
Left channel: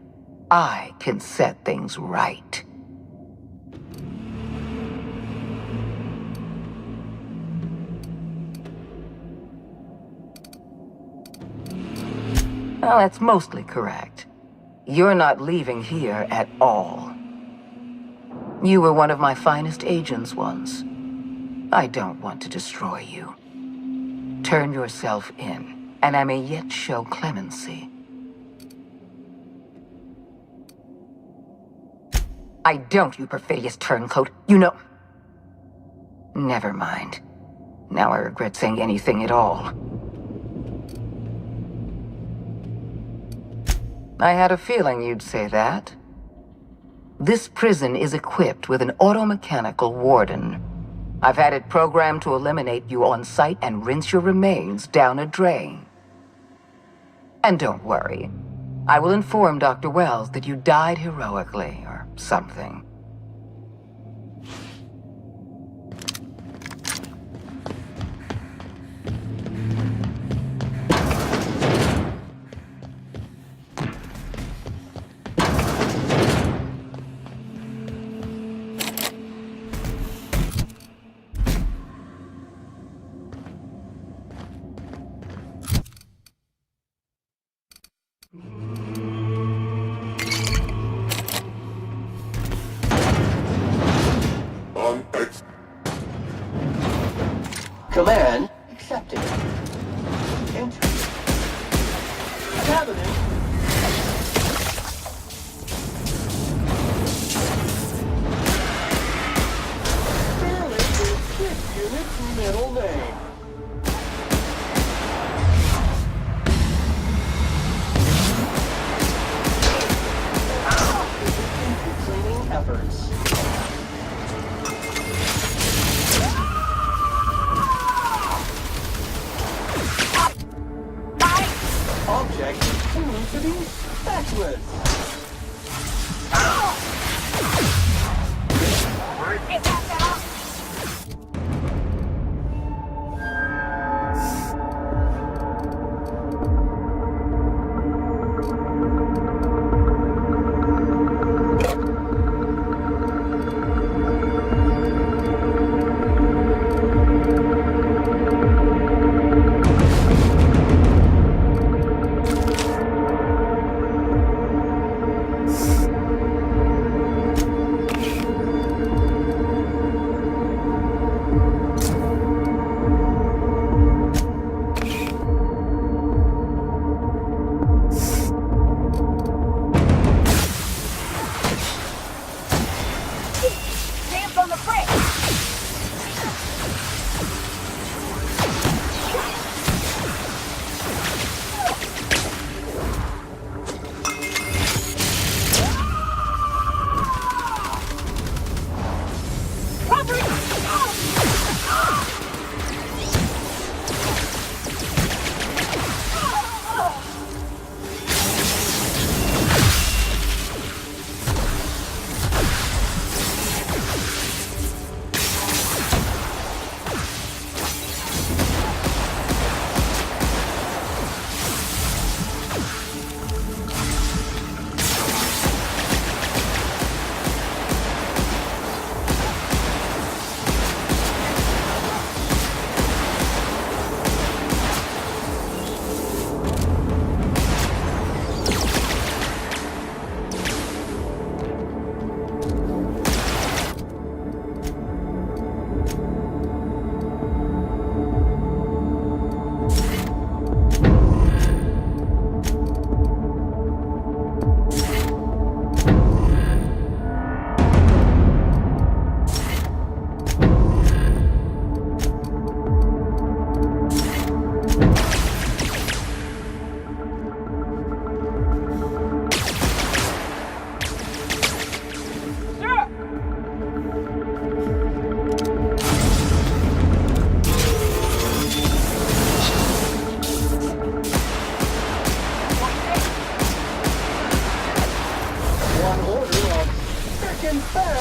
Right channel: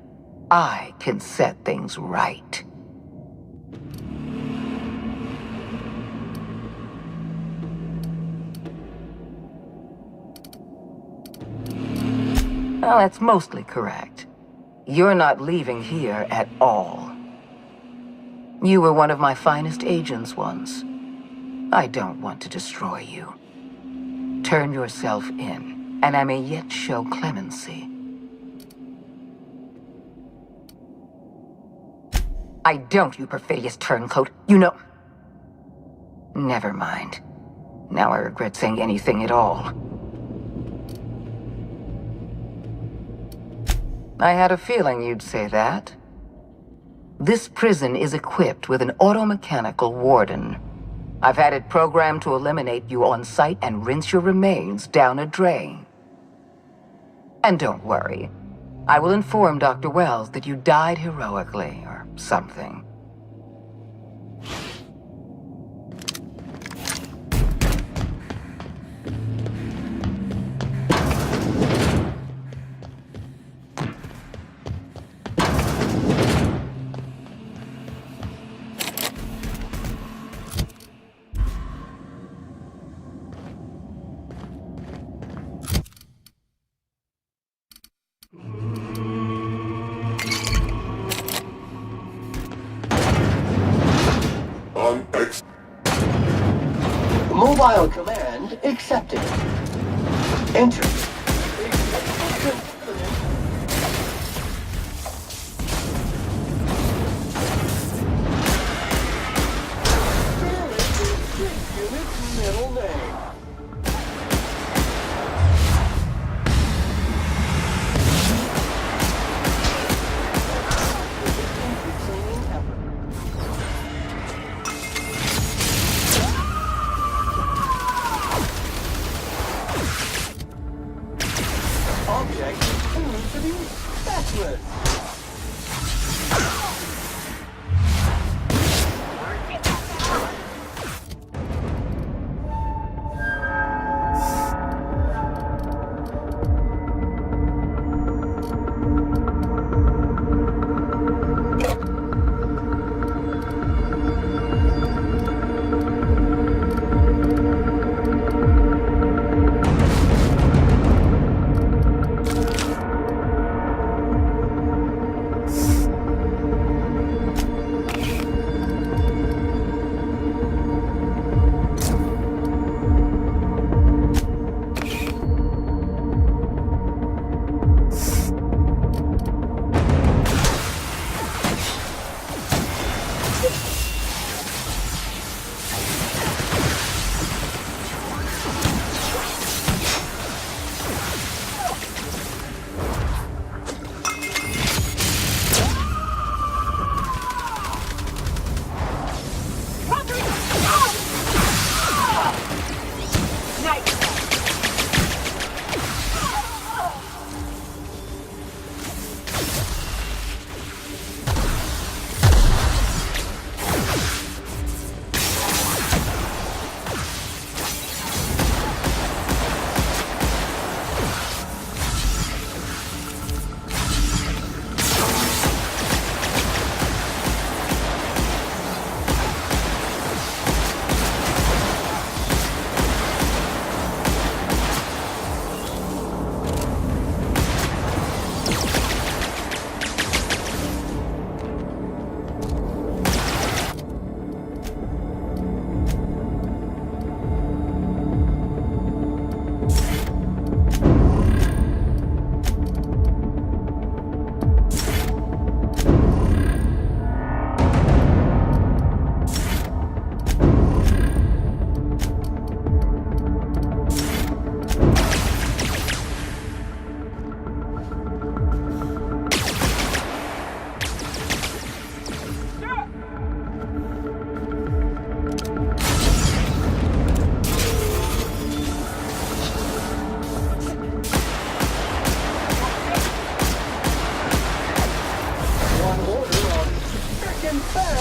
I can set things right. Well, that's mostly correct. You're not leaving here at all. You were one of my finest agents once. I don't want to destroy you. Turn yourself in, and I may yet show clemency. I don't, you perfidious turncoat. You know... Never mind. Now I regret saying anything at all. I had a feeling you'd say that. This prison is equipped with an automechanical warden. I've had it programmed to eliminate you on sight and rinse your remains down a drain. And don't worry. I will inform Dr. Wells that you died heroically, or something. Mobile command accepted. Enter. Contaminant. Fairly is this unit's middle name. Cleaning efforts. Object proved to be spatulous.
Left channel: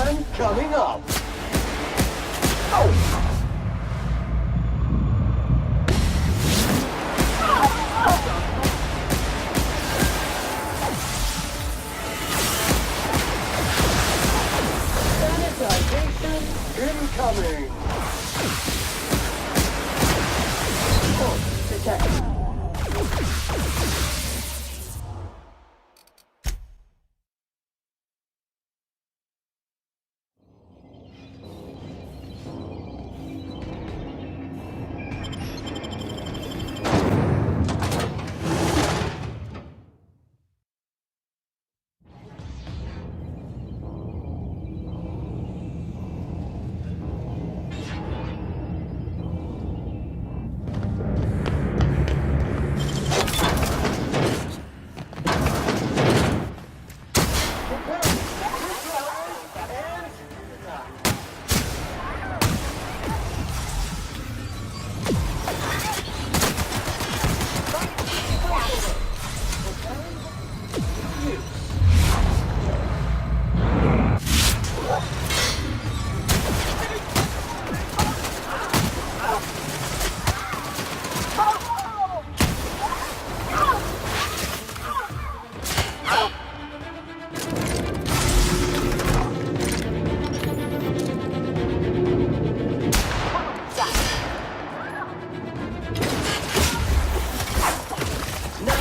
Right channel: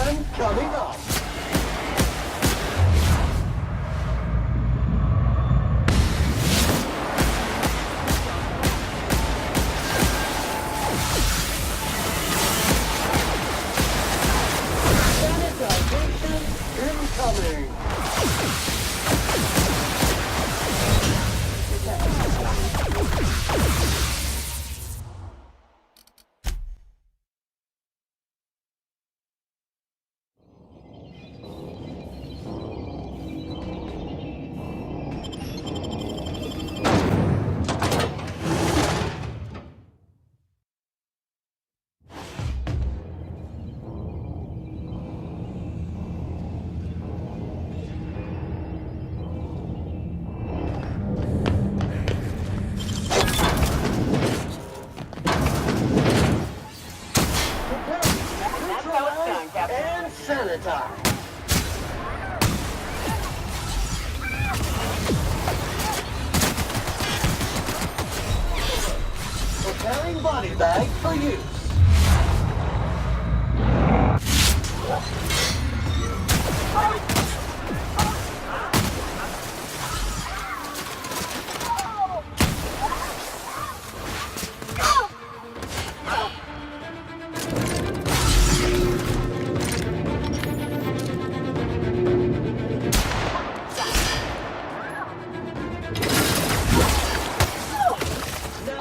time coming up. Sanitization incoming. And sanitize. Preparing body bag for use.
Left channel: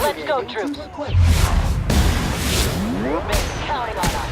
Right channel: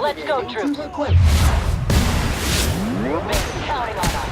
Let's go, troops. Been counting on us.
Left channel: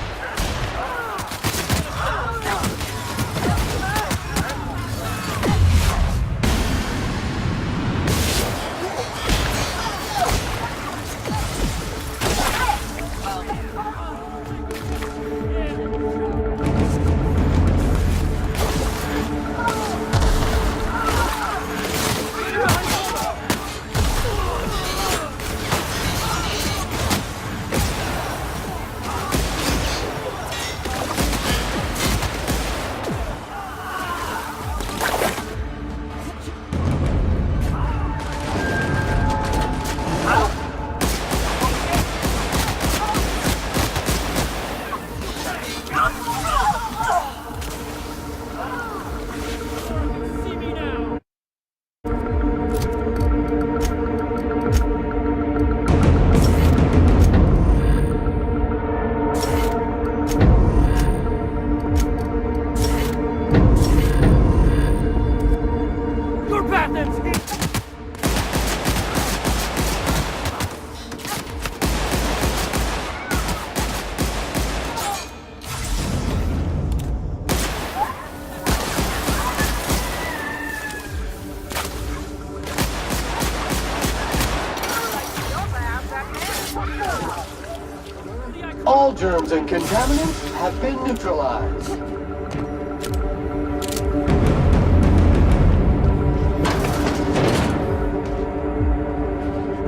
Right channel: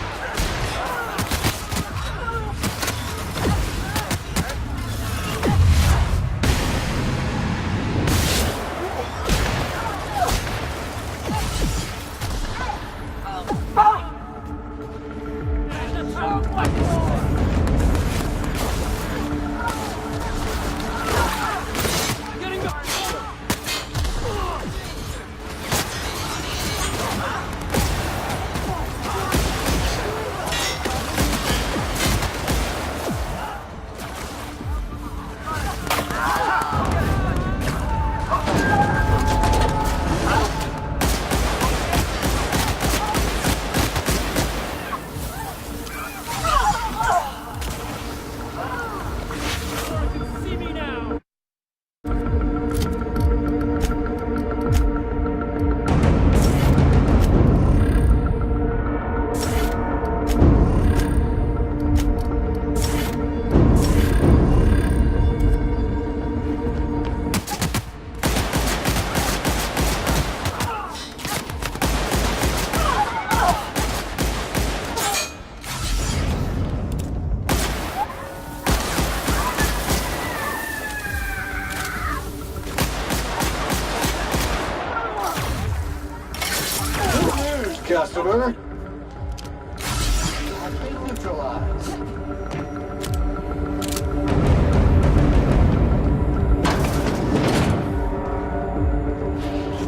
Customer, all germs and contaminants have been neutralized.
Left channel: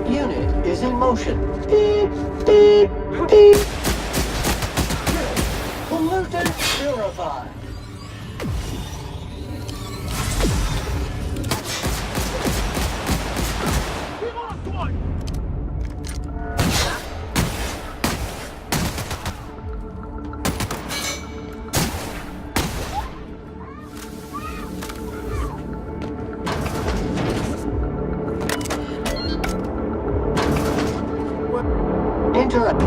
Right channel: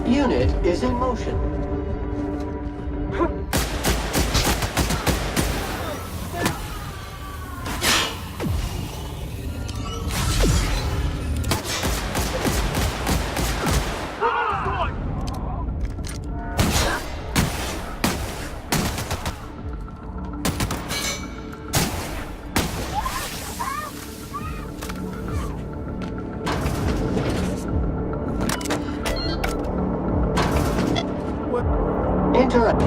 Unit is in motion. Beep, beep, beep. Pollutant purified. Interact.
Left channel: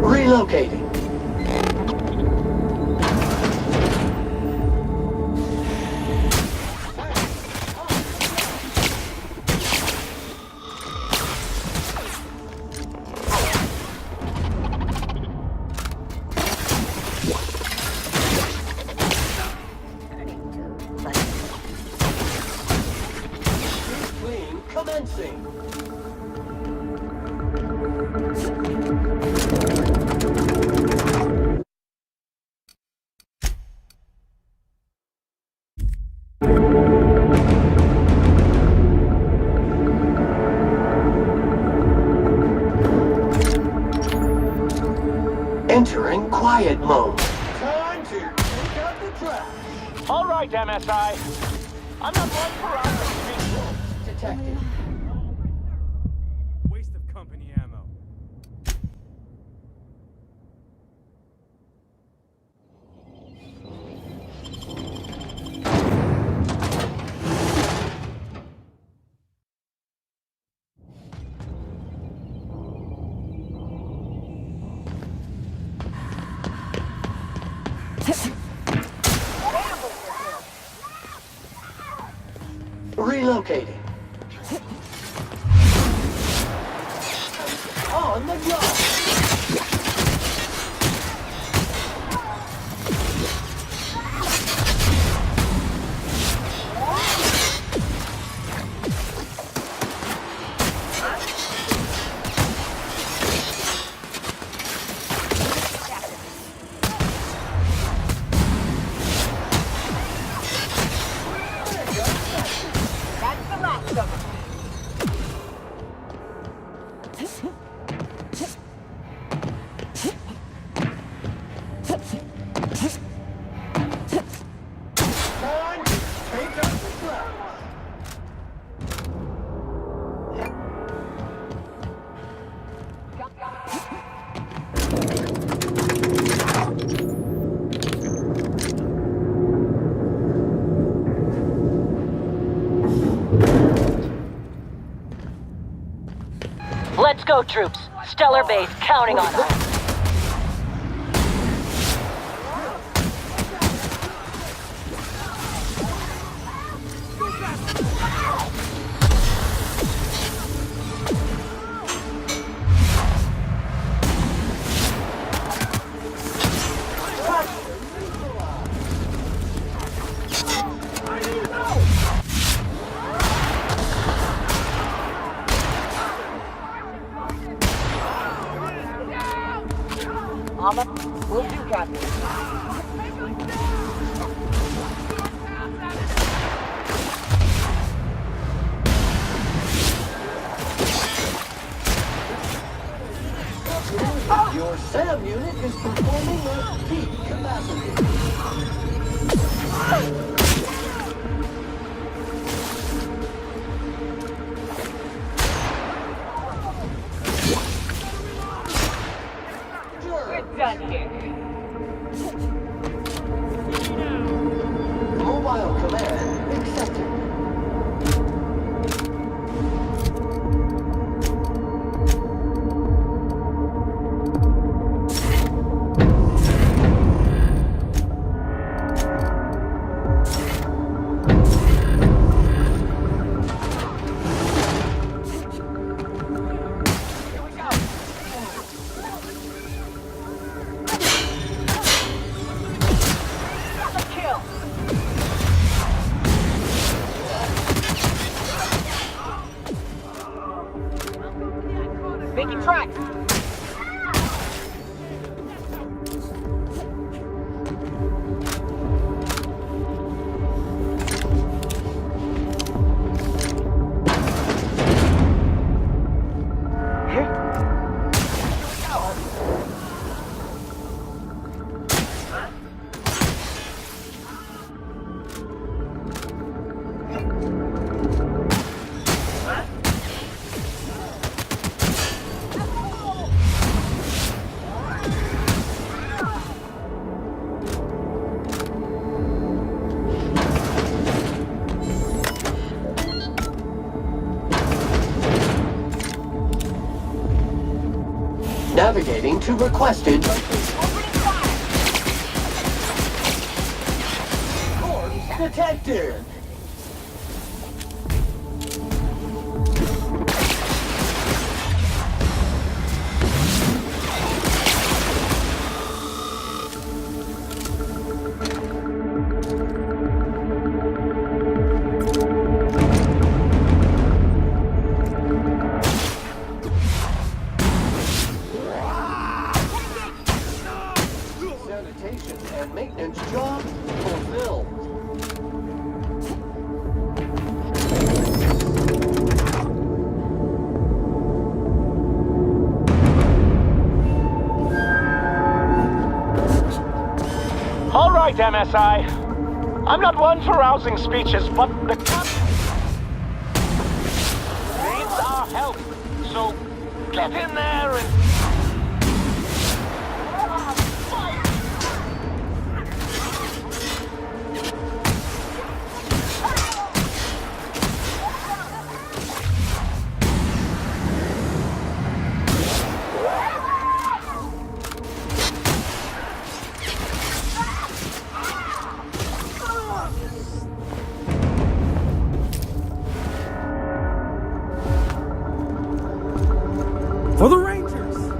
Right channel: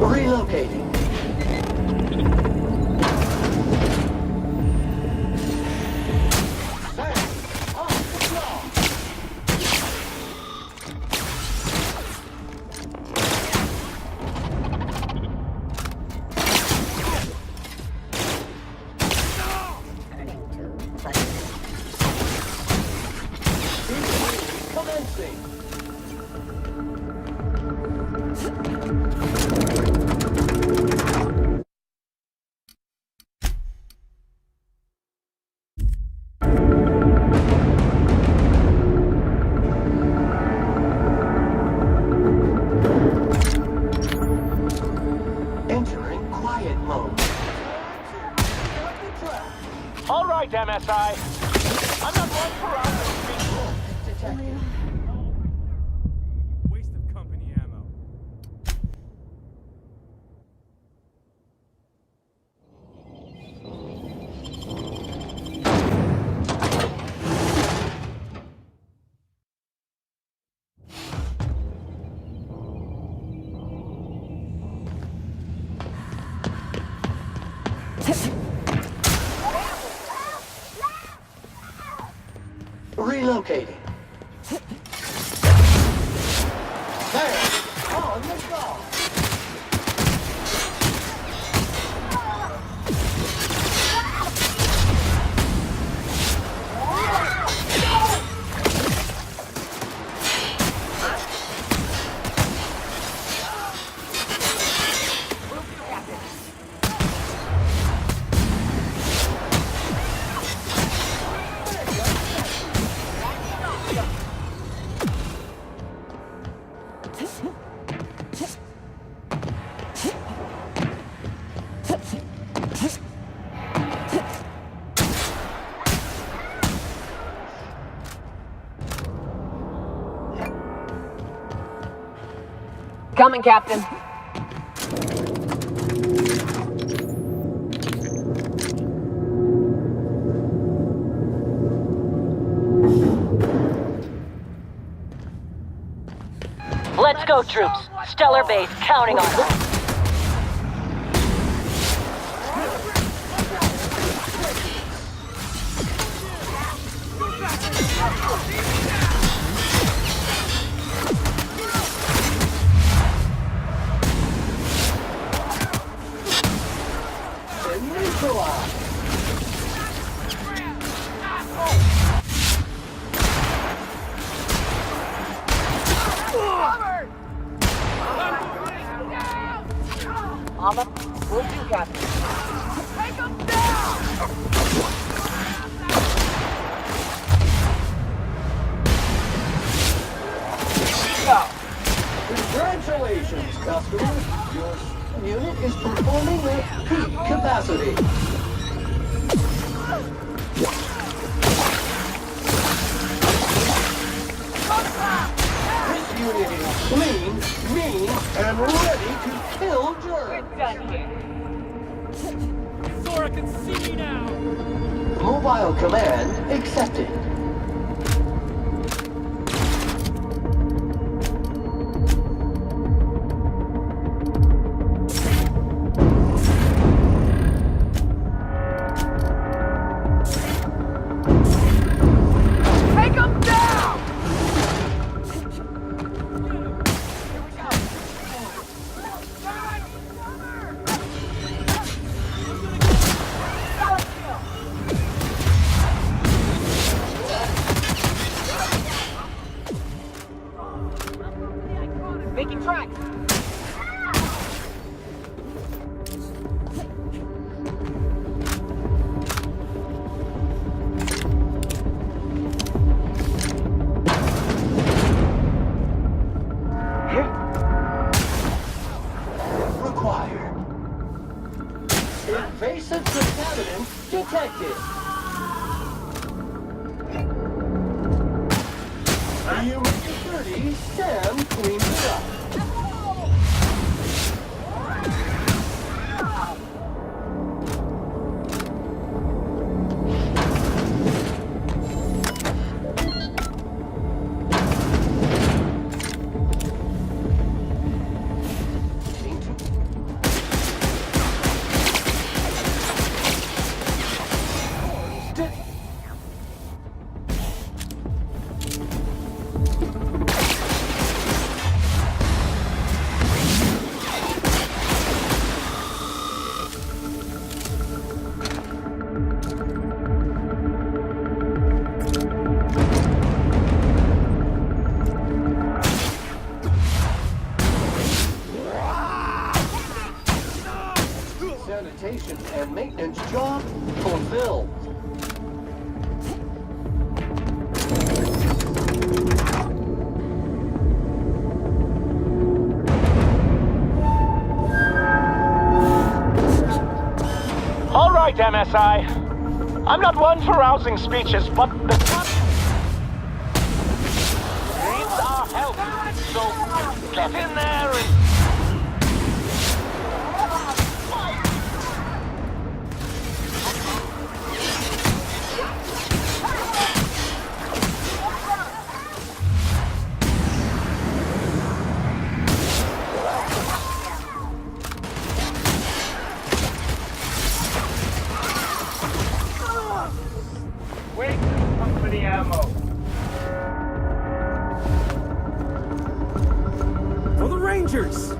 Relocating. Commencing. Entering quiet mode. Time to take out the trash. All right, MSI. I'm not one for hours. Detected. Waste of Relocating. On the job. Coming, Captain. Let's go, troops. Stellar base counting on us. Will do, Captain. Take them down! Congratulations, customers! Your SAM unit is performing at peak capacity. This unit is clean, mean, and ready to kill germs. We're done here. Sora can see me now! Mobile command accepted. Take them down! Making tracks. Invasive contaminants detected. Human SAM cleaned up. Navigating to requested. Corpse detected. Sanitation and maintenance job fulfilled. All right, MSI. I'm not one for rousing speeches, but the captain needs our help. So get in there and Wait for the ammo. dangerous!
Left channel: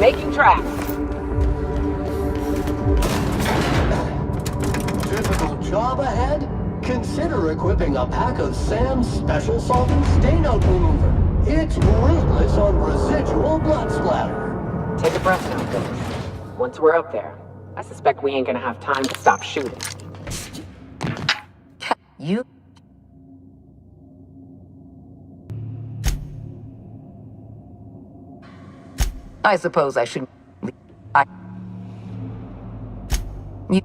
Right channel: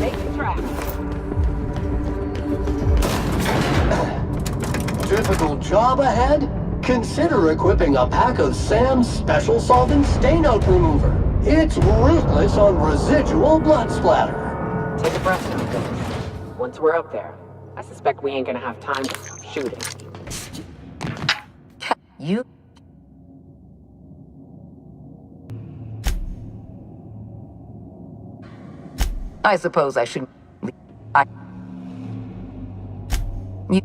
Making tracks. Difficult job ahead? Consider equipping a pack of Sam's Special Solvent Stainout Remover. It's ruthless on residual blood splatter. Take a breath now, Phyllis. Once we're up there, I suspect we ain't gonna have time to stop shooting. You... I suppose I should... You...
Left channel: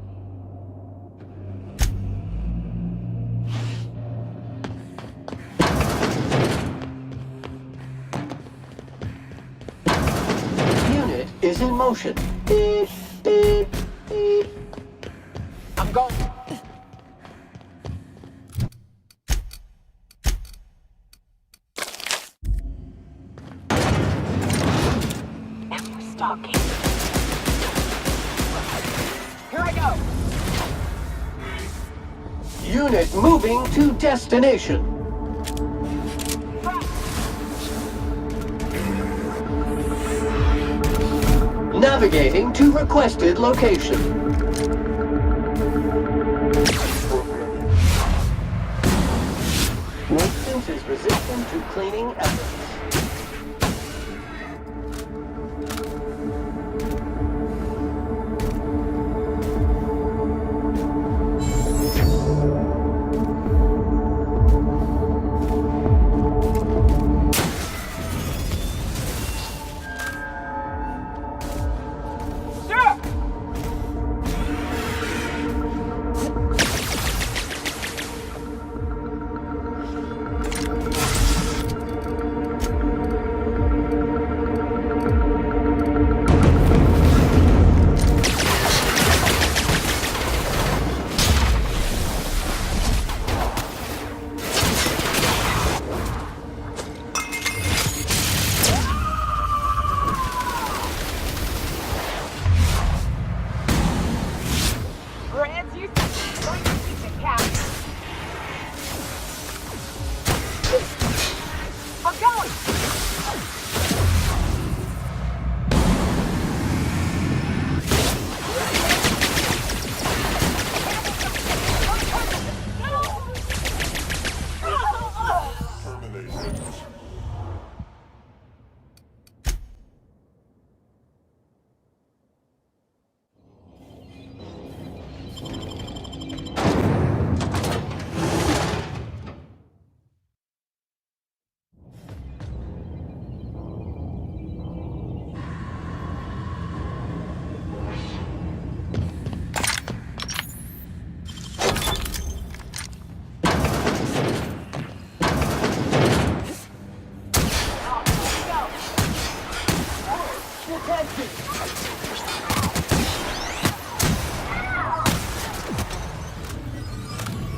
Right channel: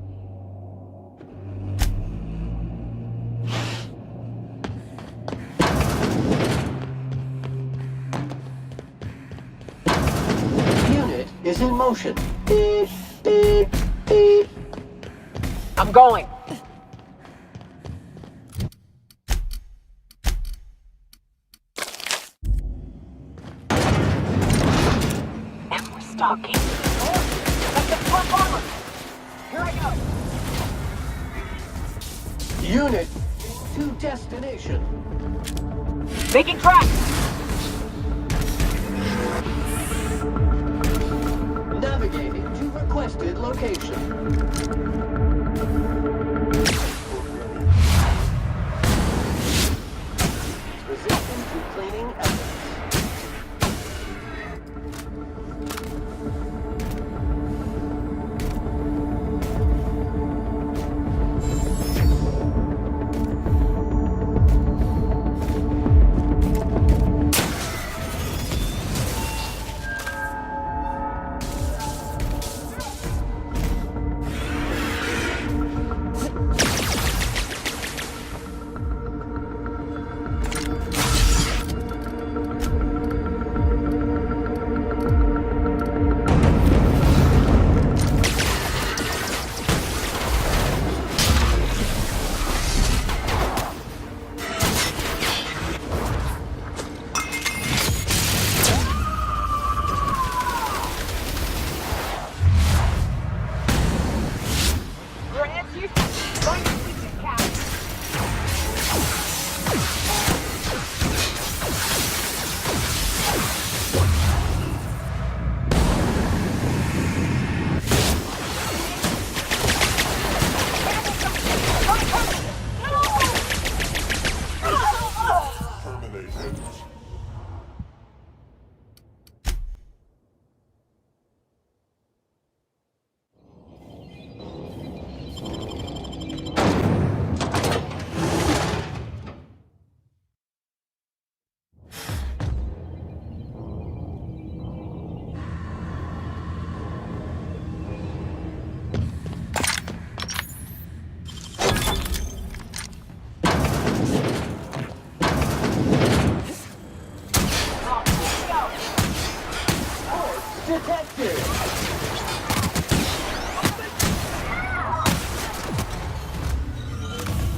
Unit is in motion. Beep, beep, beep. I'm going. And we're stalking. Here I go. Unit moving to destination. Making tracks. Navigating to requested location. Maintenance is resistant to cleaning efforts.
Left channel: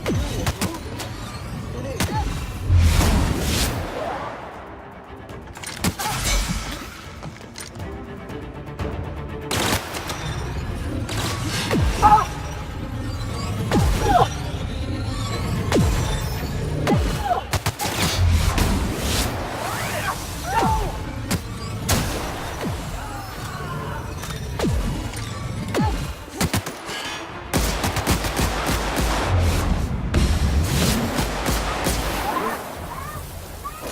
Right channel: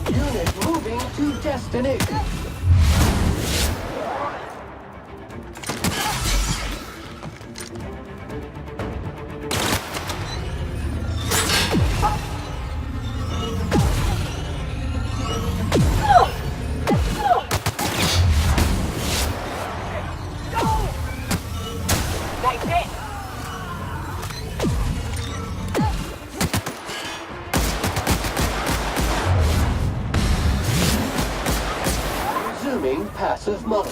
Unit moving to destination. Resuming passive mode.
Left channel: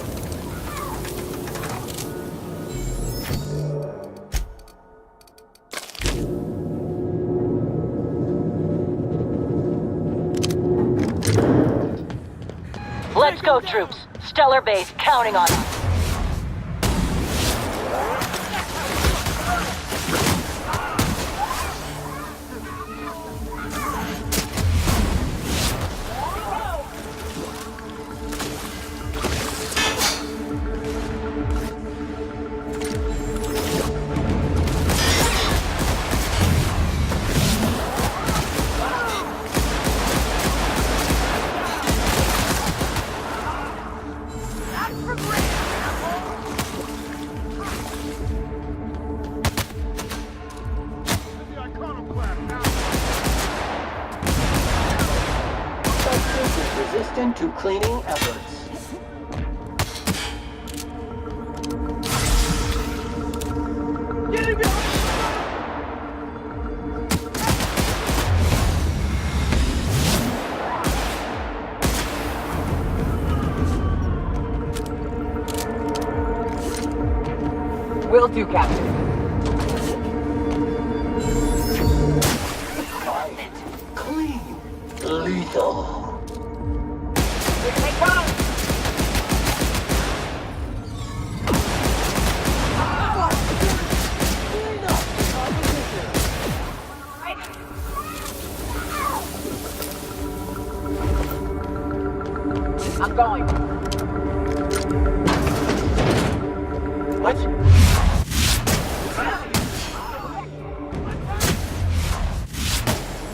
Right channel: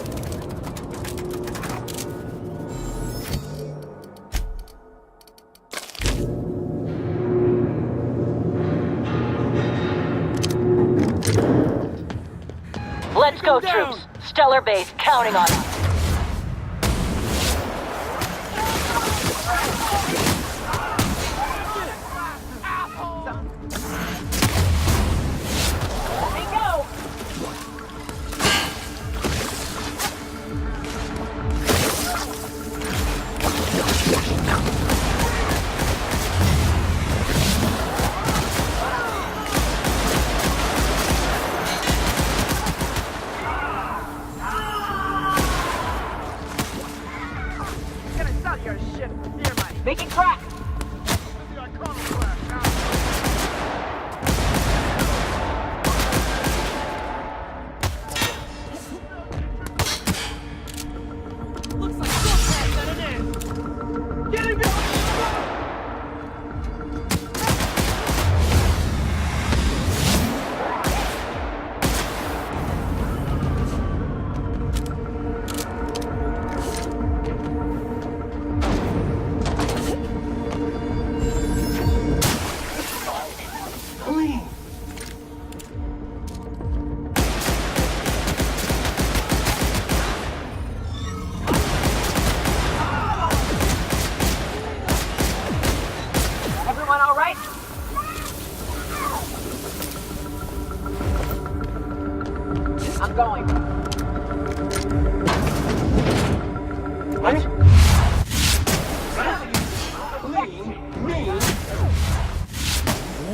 Let's go, troops. Stellar base counting on us. Making crack! Resistant to cleaning efforts. Get him behind! Will do, Captain. Clean. Lethal. Everyone all right? I'm going. What?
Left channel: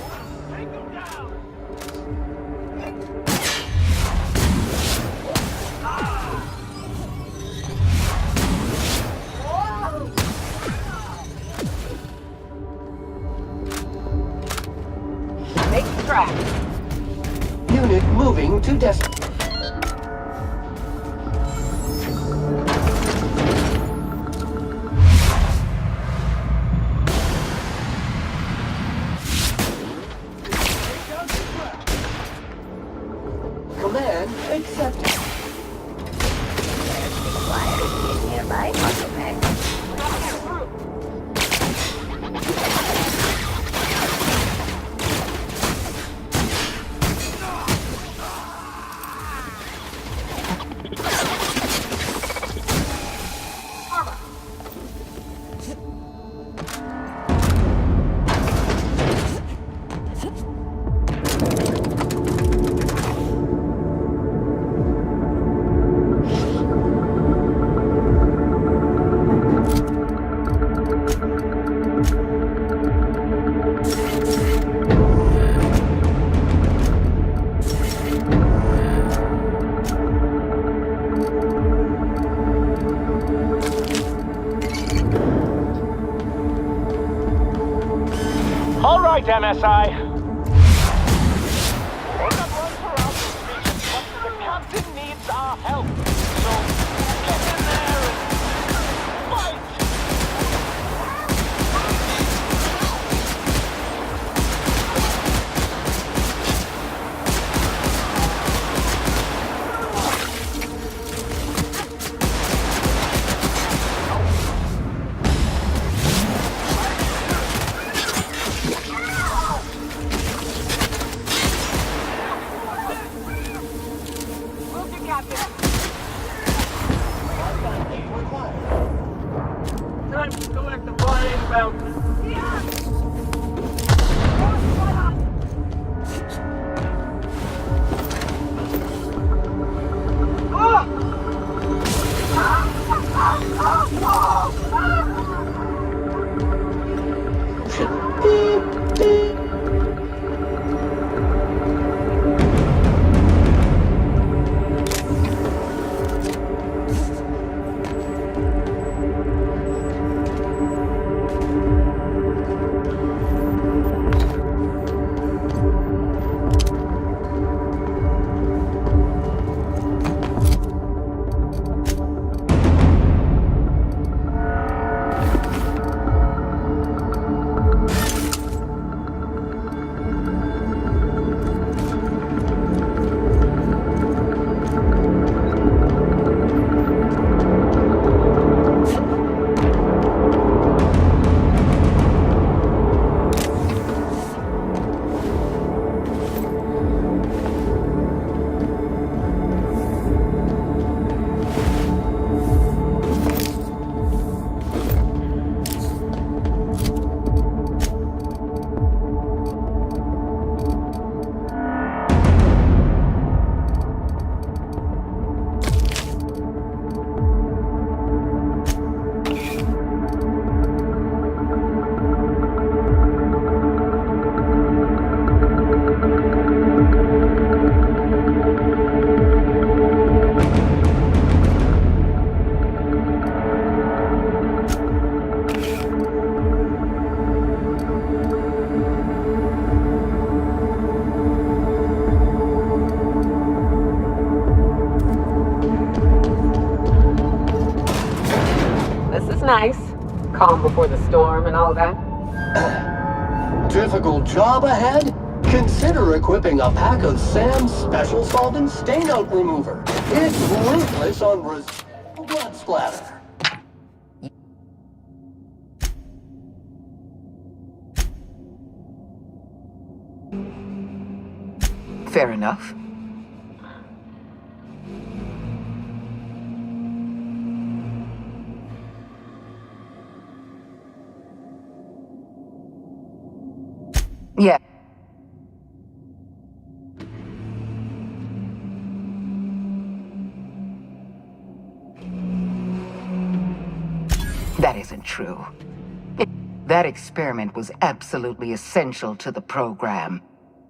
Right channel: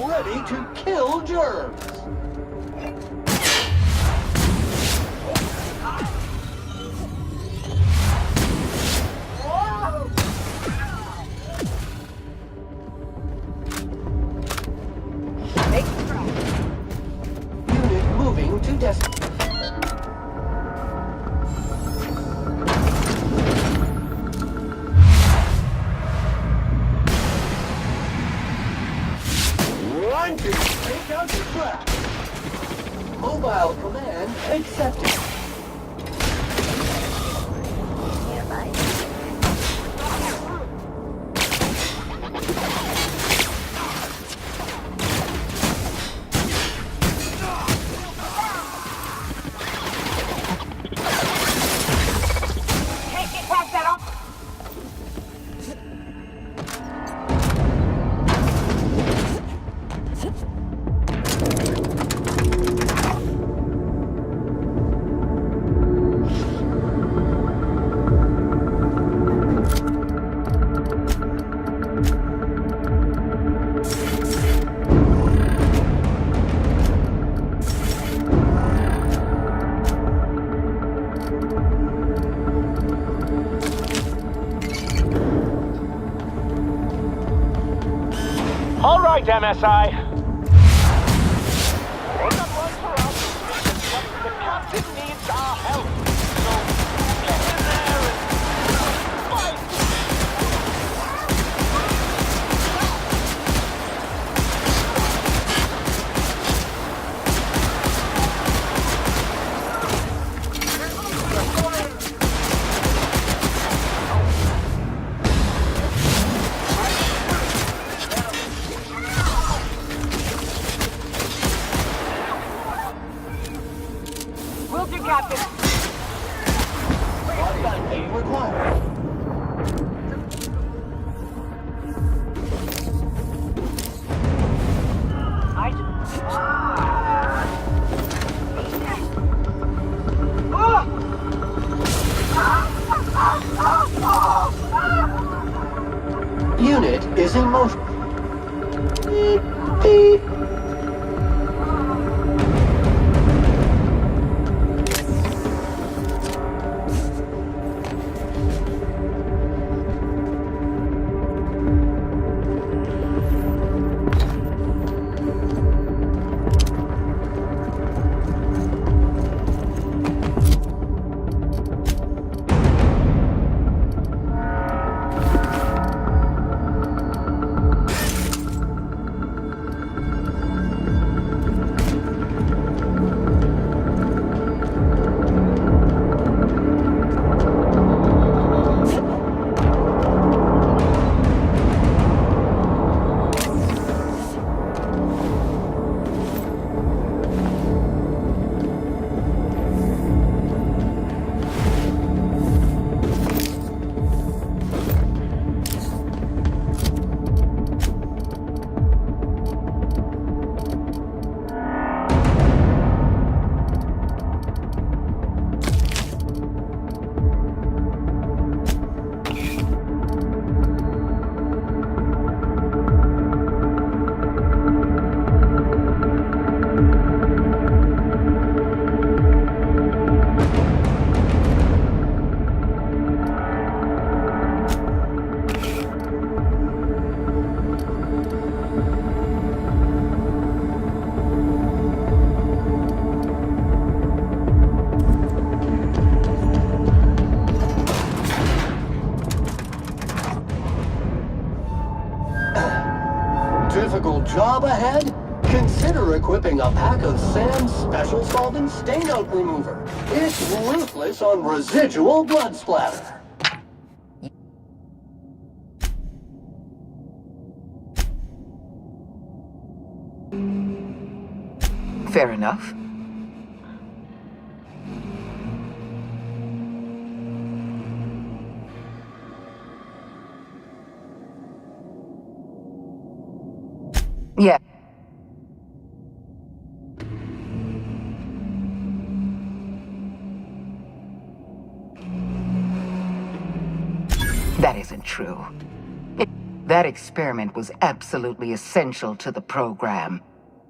Ready to kill germs. Making crack. Unit moving to destination. Take out the trap. Mobile command accepted. All right, MSI. We're not one for our suspicions, but the captain needs our help. So get in there and fight! Will do, Captain. Body required. Time to collect the flying bounty. Unit is in motion. Beep, beep, beep. before the storm and all that? Difficult job ahead? Consider equipping a pack of Sam's Special Solvent Stainout Remover. It's ruthless on residual blood splatter. Fair enough. Yeah. That isn't true. That experiment was absolutely essential to the program.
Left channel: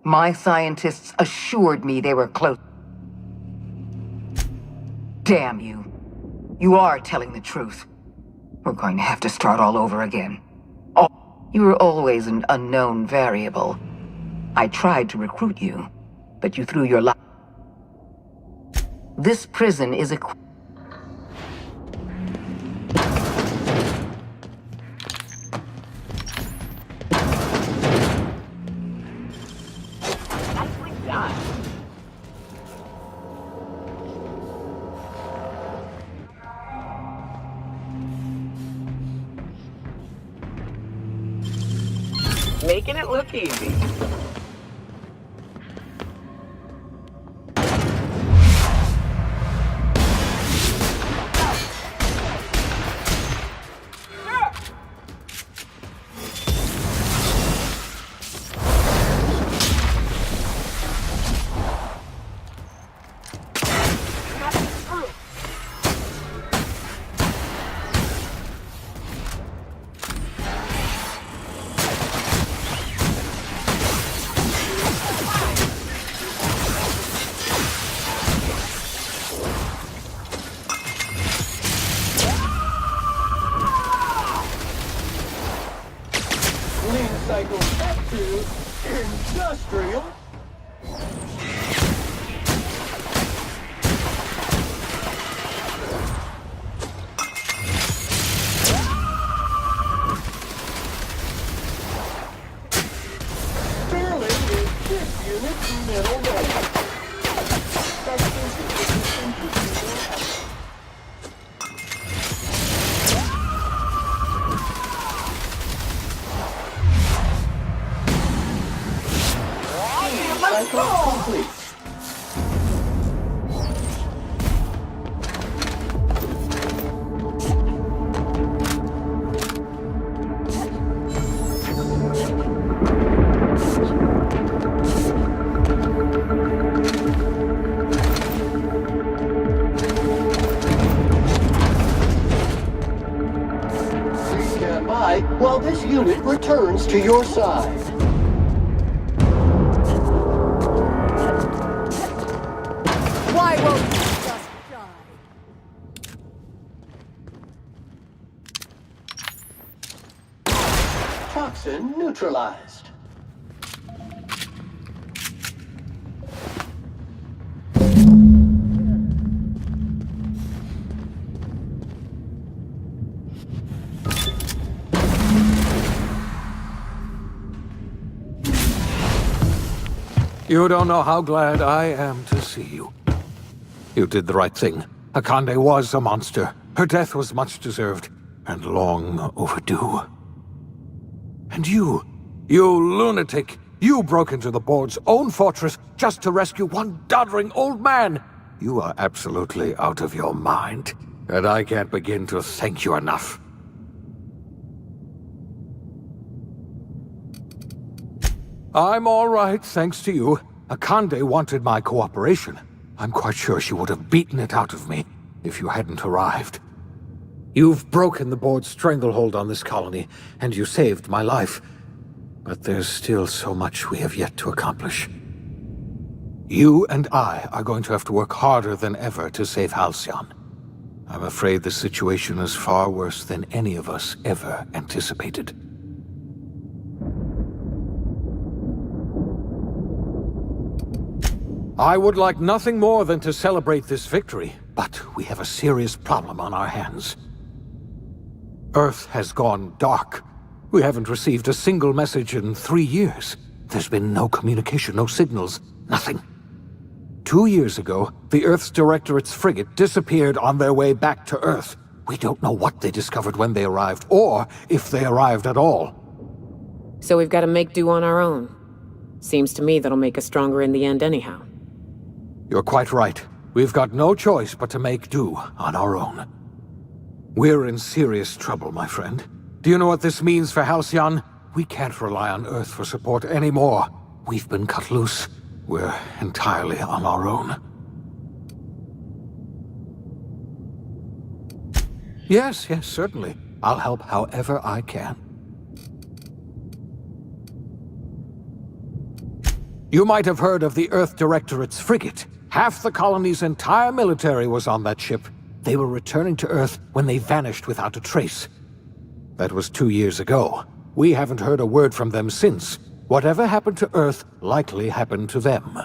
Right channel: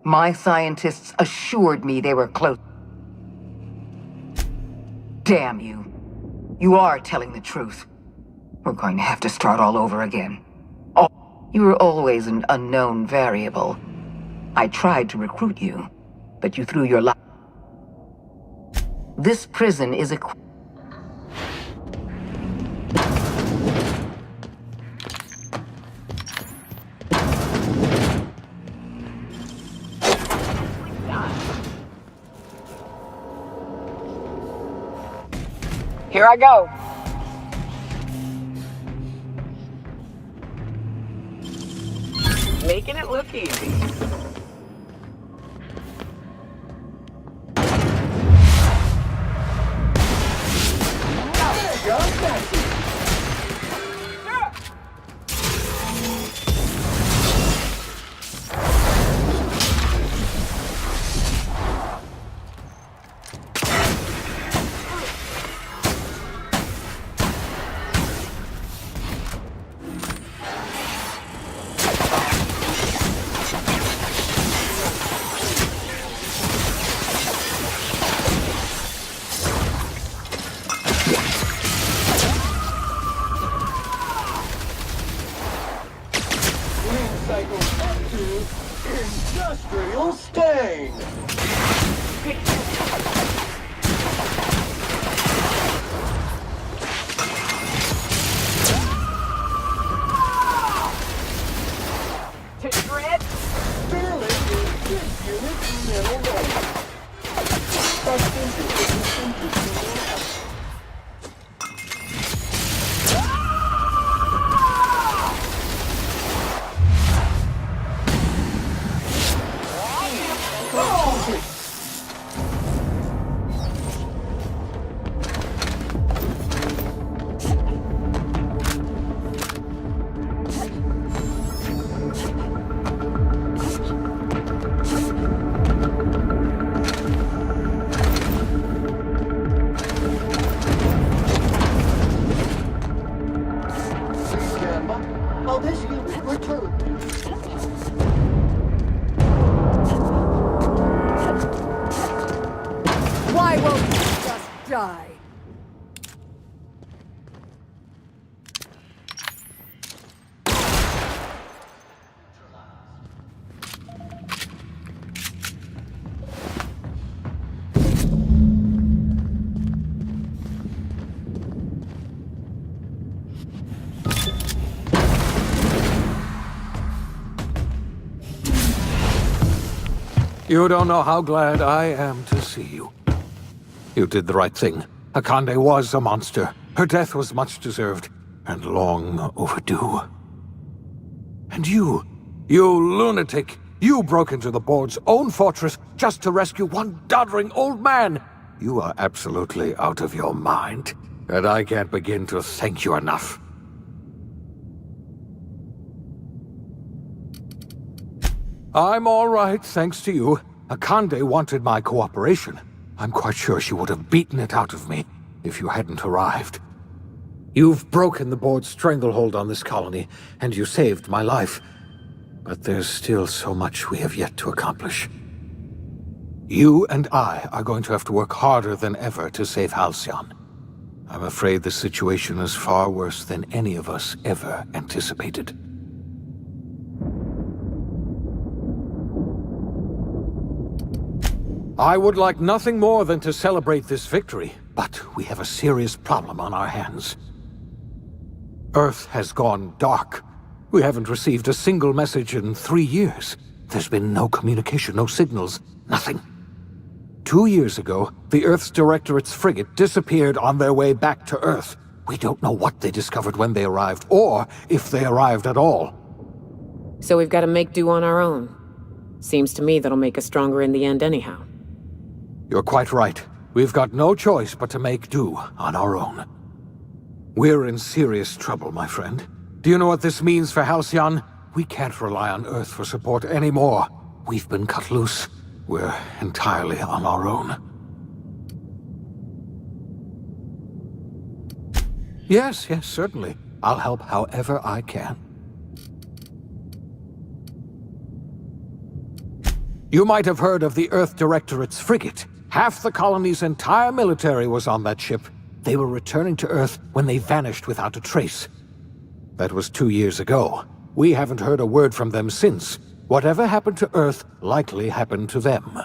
My scientists assured me they were close. Damn you. You are telling the truth. We're going to have to start all over again. Oh, you were always an unknown variable. I tried to recruit you, but you threw your life. This prison is equipped. Here I go. Making it look easy. Cycle up to industrial stain. Sterling is this unit's middle name. Complete. Please stand by while this unit returns to your side. Why won't you just die? Toxin neutralized. You don't know how glad I am to see you. You did the right thing. Akande was a monster. Her death was much deserved, and long overdue. And you lunatic, you broke into the board's own fortress just to rescue one doddering old man. You are absolutely out of your mind, and I can't begin to thank you enough. I'm all right, thanks to you. Akande wanted my cooperation. I'm quite sure she would have beaten it out of me if you hadn't arrived. You've broken the board's stranglehold on this colony, and you saved my life. But there's still so much we have yet to accomplish. You and I are going to have to work harder than ever to save Halcyon. I'm afraid the situation is far worse than any of us ever anticipated. I would like nothing more than to celebrate this victory, but we have a serious problem on our hands. Earth has gone dark. We haven't received a single message in 3 years. There's been no communication, no signals, nothing. 2 years ago, the Earth's Directorate's frigate disappeared on their way back to Earth. We don't know what they discovered when they arrived, or if they arrived at all. So we've got to make do on our own. Seems to me that'll make us stronger in the end anyhow. You're quite right. We've got no choice but to make do on our own. We're in serious trouble, my friend. Do you know what this means for Halcyon? We can't rely on Earth for support anymore. We've been cut loose. We're entirely on our own. Yes, certainly. I'll help however I can. You might have heard of the Earth Directorate's frigate. Half the colony's entire military was on that ship. They were returning to Earth when they vanished without a trace. That was 2 years ago. We haven't heard a word from them since. Whatever happened to Earth likely happened to them.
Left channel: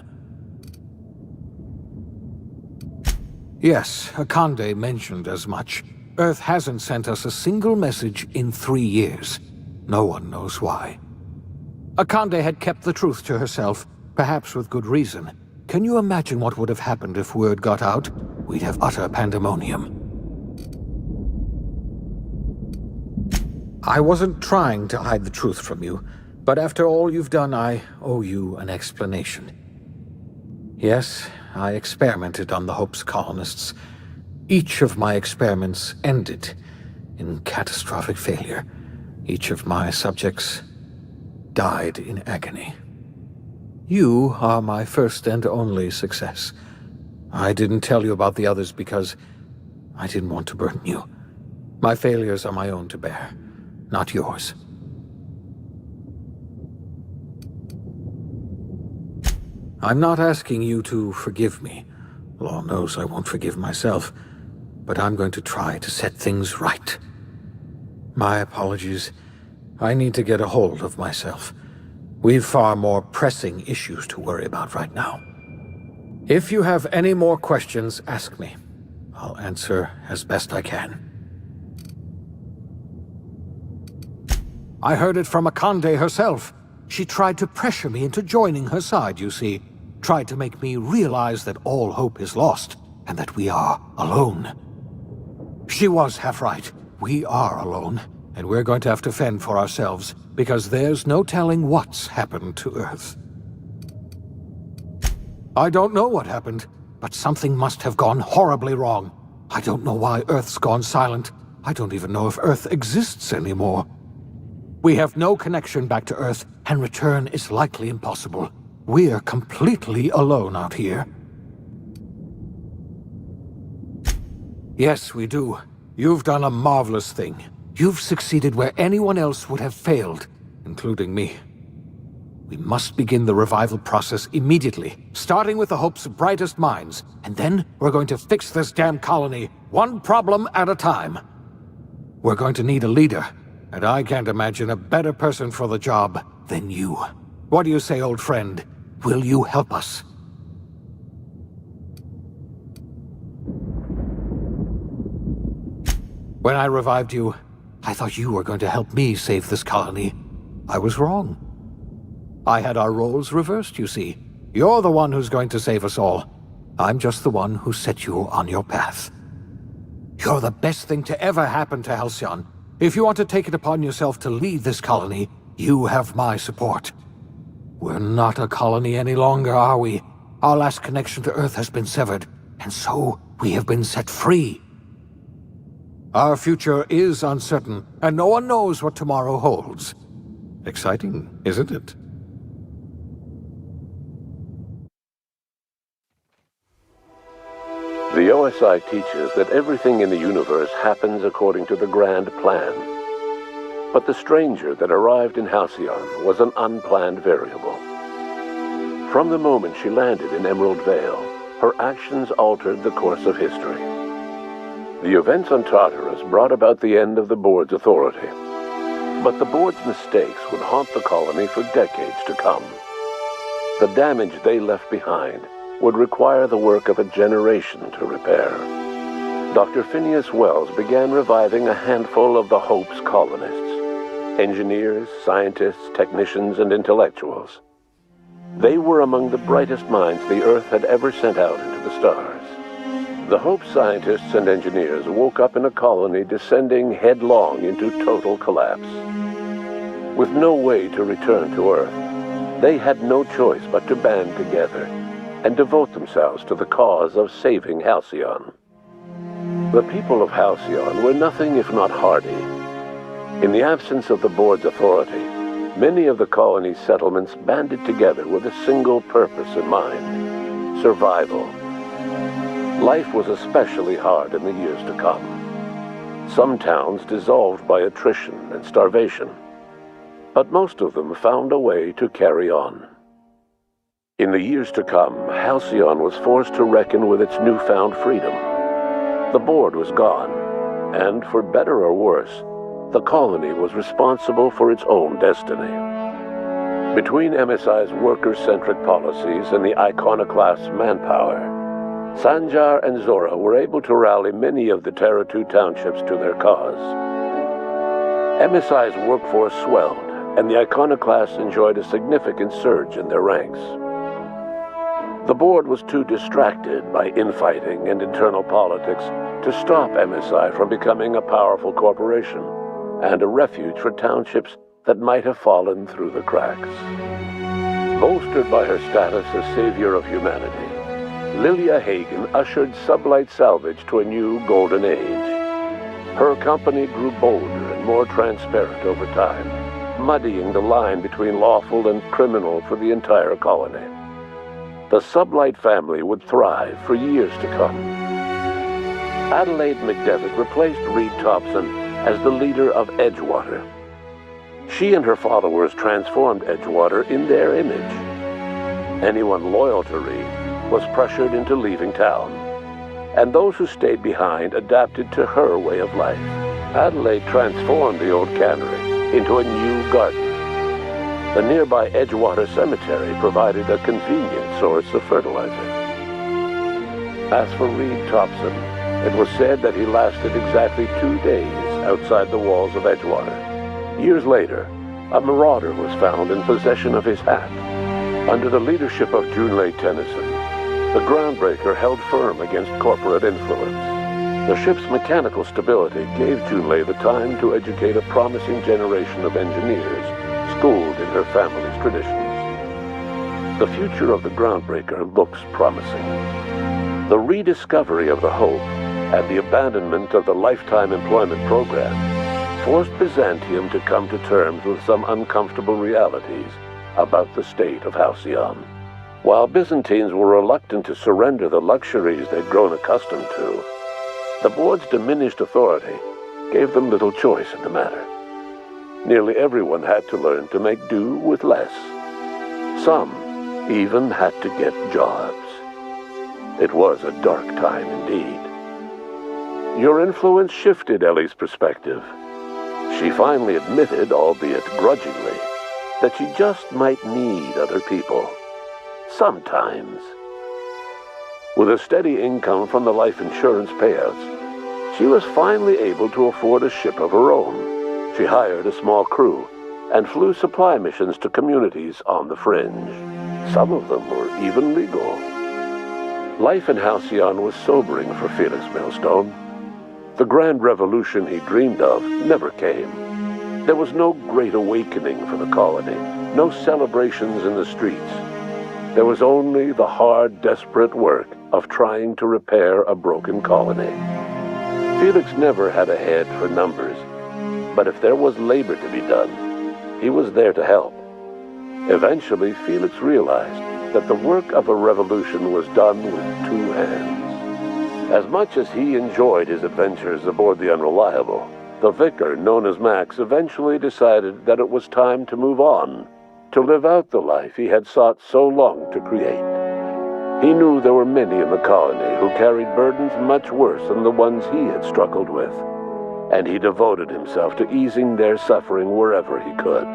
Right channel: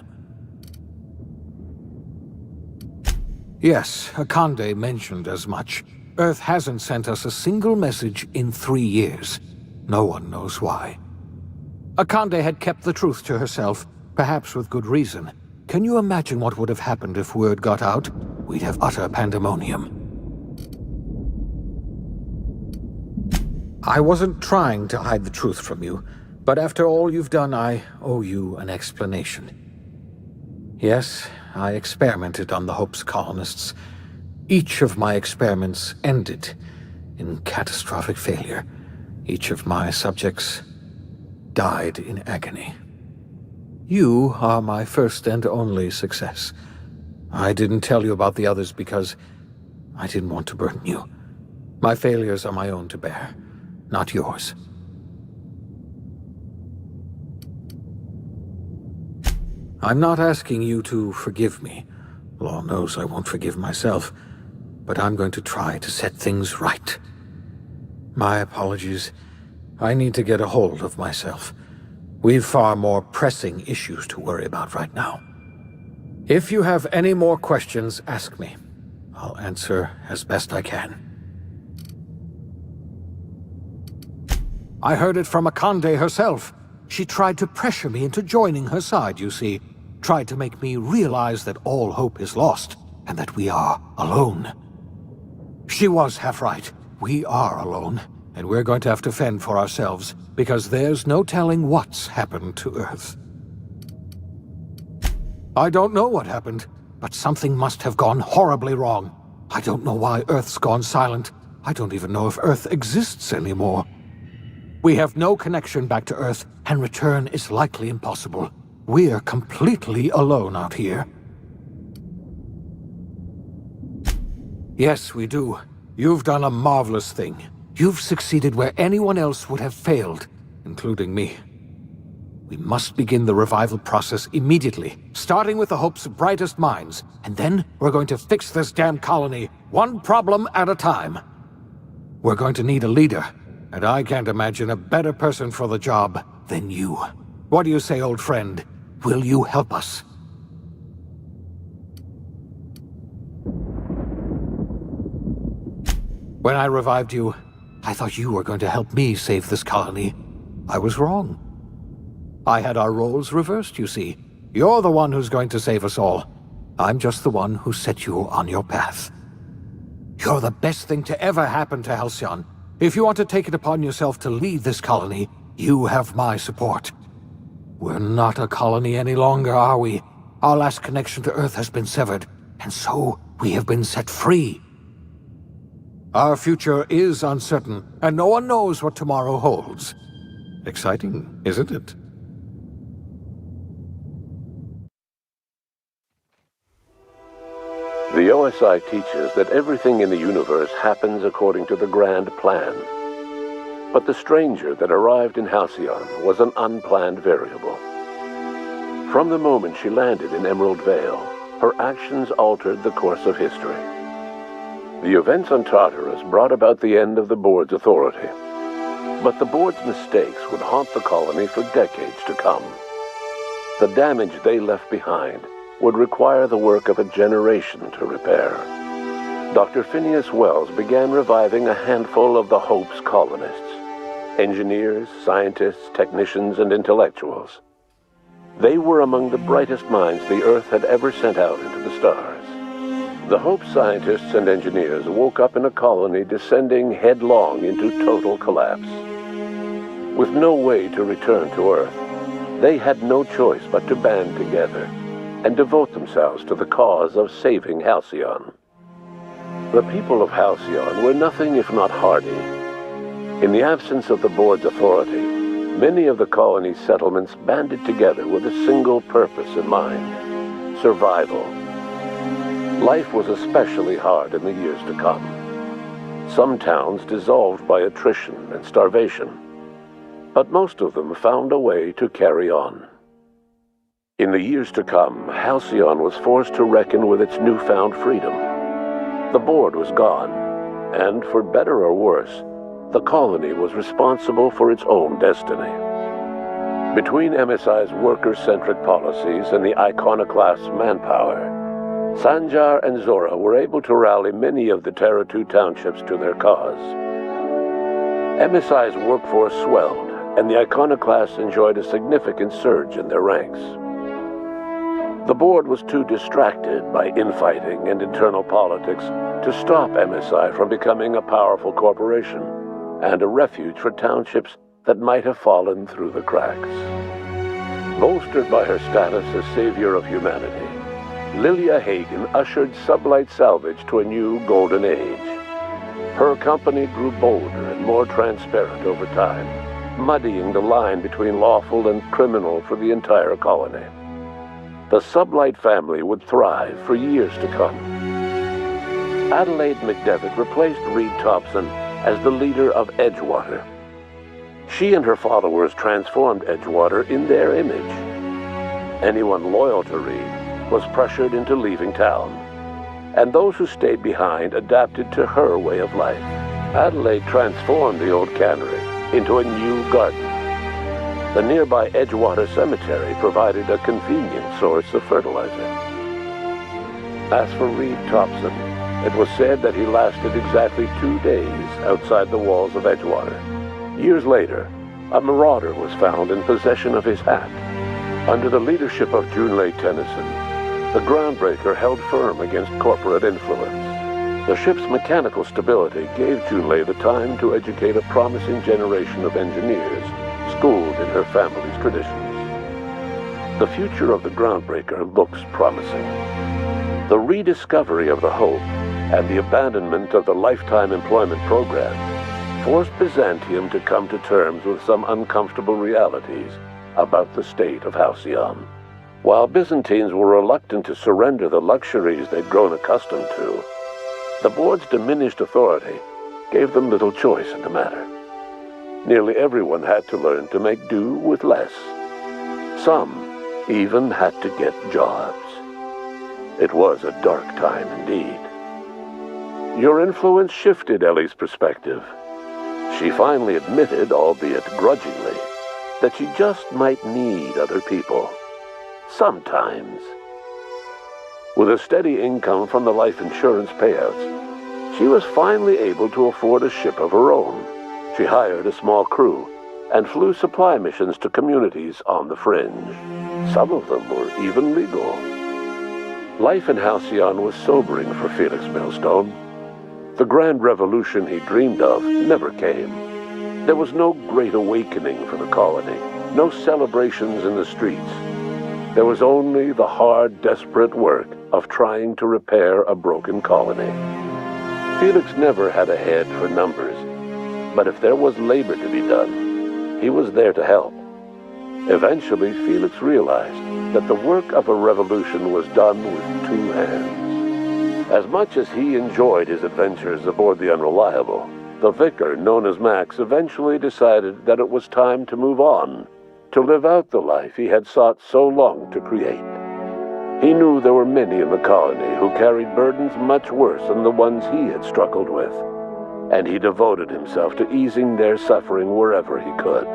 Yes, Akande mentioned as much. Earth hasn't sent us a single message in 3 years. No one knows why. Akande had kept the truth to herself, perhaps with good reason. Can you imagine what would have happened if word got out? We'd have utter pandemonium. I wasn't trying to hide the truth from you, but after all you've done, I owe you an explanation. Yes, I experimented on the Hope's colonists. Each of my experiments ended in catastrophic failure. Each of my subjects died in agony. You are my first and only success. I didn't tell you about the others because I didn't want to burden you. My failures are my own to bear, not yours. I'm not asking you to forgive me. Law knows I won't forgive myself, but I'm going to try to set things right. My apologies. I need to get a hold of myself. We've far more pressing issues to worry about right now. If you have any more questions, ask me. I'll answer as best I can. I heard it from Akande herself. She tried to pressure me into joining her side, you see. Tried to make me realize that all hope is lost, and that we are alone. She was half right. We are alone, and we're going to have to fend for ourselves, because there's no telling what's happened to Earth. I don't know what happened, but something must have gone horribly wrong. I don't know why Earth's gone silent. I don't even know if Earth exists anymore. We have no connection back to Earth, and return is likely impossible. We're completely alone out here. Yes, we do. You've done a marvelous thing. You've succeeded where anyone else would have failed, including me. We must begin the revival process immediately, starting with the Hope's brightest minds, and then we're going to fix this damn colony, one problem at a time. We're going to need a leader, and I can't imagine a better person for the job than you. What do you say, old friend? Will you help us? When I revived you, I thought you were going to help me save this colony. I was wrong. I had our roles reversed, you see. You're the one who's going to save us all. I'm just the one who set you on your path. You're the best thing to ever happen to Halcyon. If you want to take it upon yourself to lead this colony, you have my support. We're not a colony any longer, are we? Our last connection to Earth has been severed, and so we have been set free. Our future is uncertain, and no one knows what tomorrow holds. Exciting, isn't it? The OSI teaches that everything in the universe happens according to the grand plan. But the stranger that arrived in Halcyon was an unplanned variable. From the moment she landed in Emerald Vale, her actions altered the course of history. The events on Tartarus brought about the end of the board's authority. But the board's mistakes would haunt the colony for decades to come. The damage they left behind would require the work of a generation to repair. Dr. Phineas Wells began reviving a handful of the Hope's colonists. Engineers, scientists, technicians, and intellectuals. They were among the brightest minds the Earth had ever sent out into the stars. The Hope scientists and engineers woke up in a colony descending headlong into total collapse. With no way to return to Earth, they had no choice but to band together and devote themselves to the cause of saving Halcyon. The people of Halcyon were nothing if not hardy. In the absence of the board's authority, many of the colony's settlements banded together with a single purpose in mind: survival. Life was especially hard in the years to come. Some towns dissolved by attrition and starvation, but most of them found a way to carry on. In the years to come, Halcyon was forced to reckon with its newfound freedom. The board was gone, and for better or worse, the colony was responsible for its own destiny. Between MSI's worker-centric policies and the iconoclast's manpower, Sanjar and Zora were able to rally many of the Terra 2 townships to their cause. MSI's workforce swelled, and the iconoclasts enjoyed a significant surge in their ranks. The board was too distracted by infighting and internal politics to stop MSI from becoming a powerful corporation and a refuge for townships that might have fallen through the cracks. Bolstered by her status as savior of humanity, Lilia Hagen ushered Sublight Salvage to a new golden age. Her company grew bolder and more transparent over time, muddying the line between lawful and criminal for the entire colony. The Sublight family would thrive for years to come. Adelaide McDevitt replaced Reed Thompson as the leader of Edgewater. She and her followers transformed Edgewater in their image. Anyone loyal to Reed was pressured into leaving town, and those who stayed behind adapted to her way of life. Adelaide transformed the old cannery into a new garden. The nearby Edgewater Cemetery provided a convenient source of fertilizer. As for Reed Thompson, it was said that he lasted exactly 2 days outside the walls of Edgewater. Years later, a marauder was found in possession of his hat. Under the leadership of Junlei Tennyson, the groundbreaker held firm against corporate influence. The ship's mechanical stability gave Junlei the time to educate a promising generation of engineers schooled in her family's traditions. The future of the groundbreaker looks promising. The rediscovery of the Hope and the abandonment of the lifetime employment program forced Byzantium to come to terms with some uncomfortable realities about the state of Halcyon. While Byzantines were reluctant to surrender the luxuries they'd grown accustomed to, the board's diminished authority gave them little choice in the matter. Nearly everyone had to learn to make do with less. Some even had to get jobs. It was a dark time indeed. Your influence shifted Ellie's perspective. She finally admitted, albeit grudgingly, that she just might need other people. Sometimes. With a steady income from the life insurance payouts, she was finally able to afford a ship of her own. She hired a small crew and flew supply missions to communities on the fringe. Some of them were even legal. Life in Halcyon was sobering for Felix Millstone. The grand revolution he dreamed of never came. There was no great awakening for the colony, no celebrations in the streets. There was only the hard, desperate work of trying to repair a broken colony. Felix never had a head for numbers, but if there was labor to be done, he was there to help. Eventually, Felix realized that the work of a revolution was done with 2 hands. As much as he enjoyed his adventures aboard the Unreliable, the vicar, known as Max, eventually decided that it was time to move on, to live out the life he had sought so long to create. He knew there were many in the colony who carried burdens much worse than the ones he had struggled with, and he devoted himself to easing their suffering wherever he could.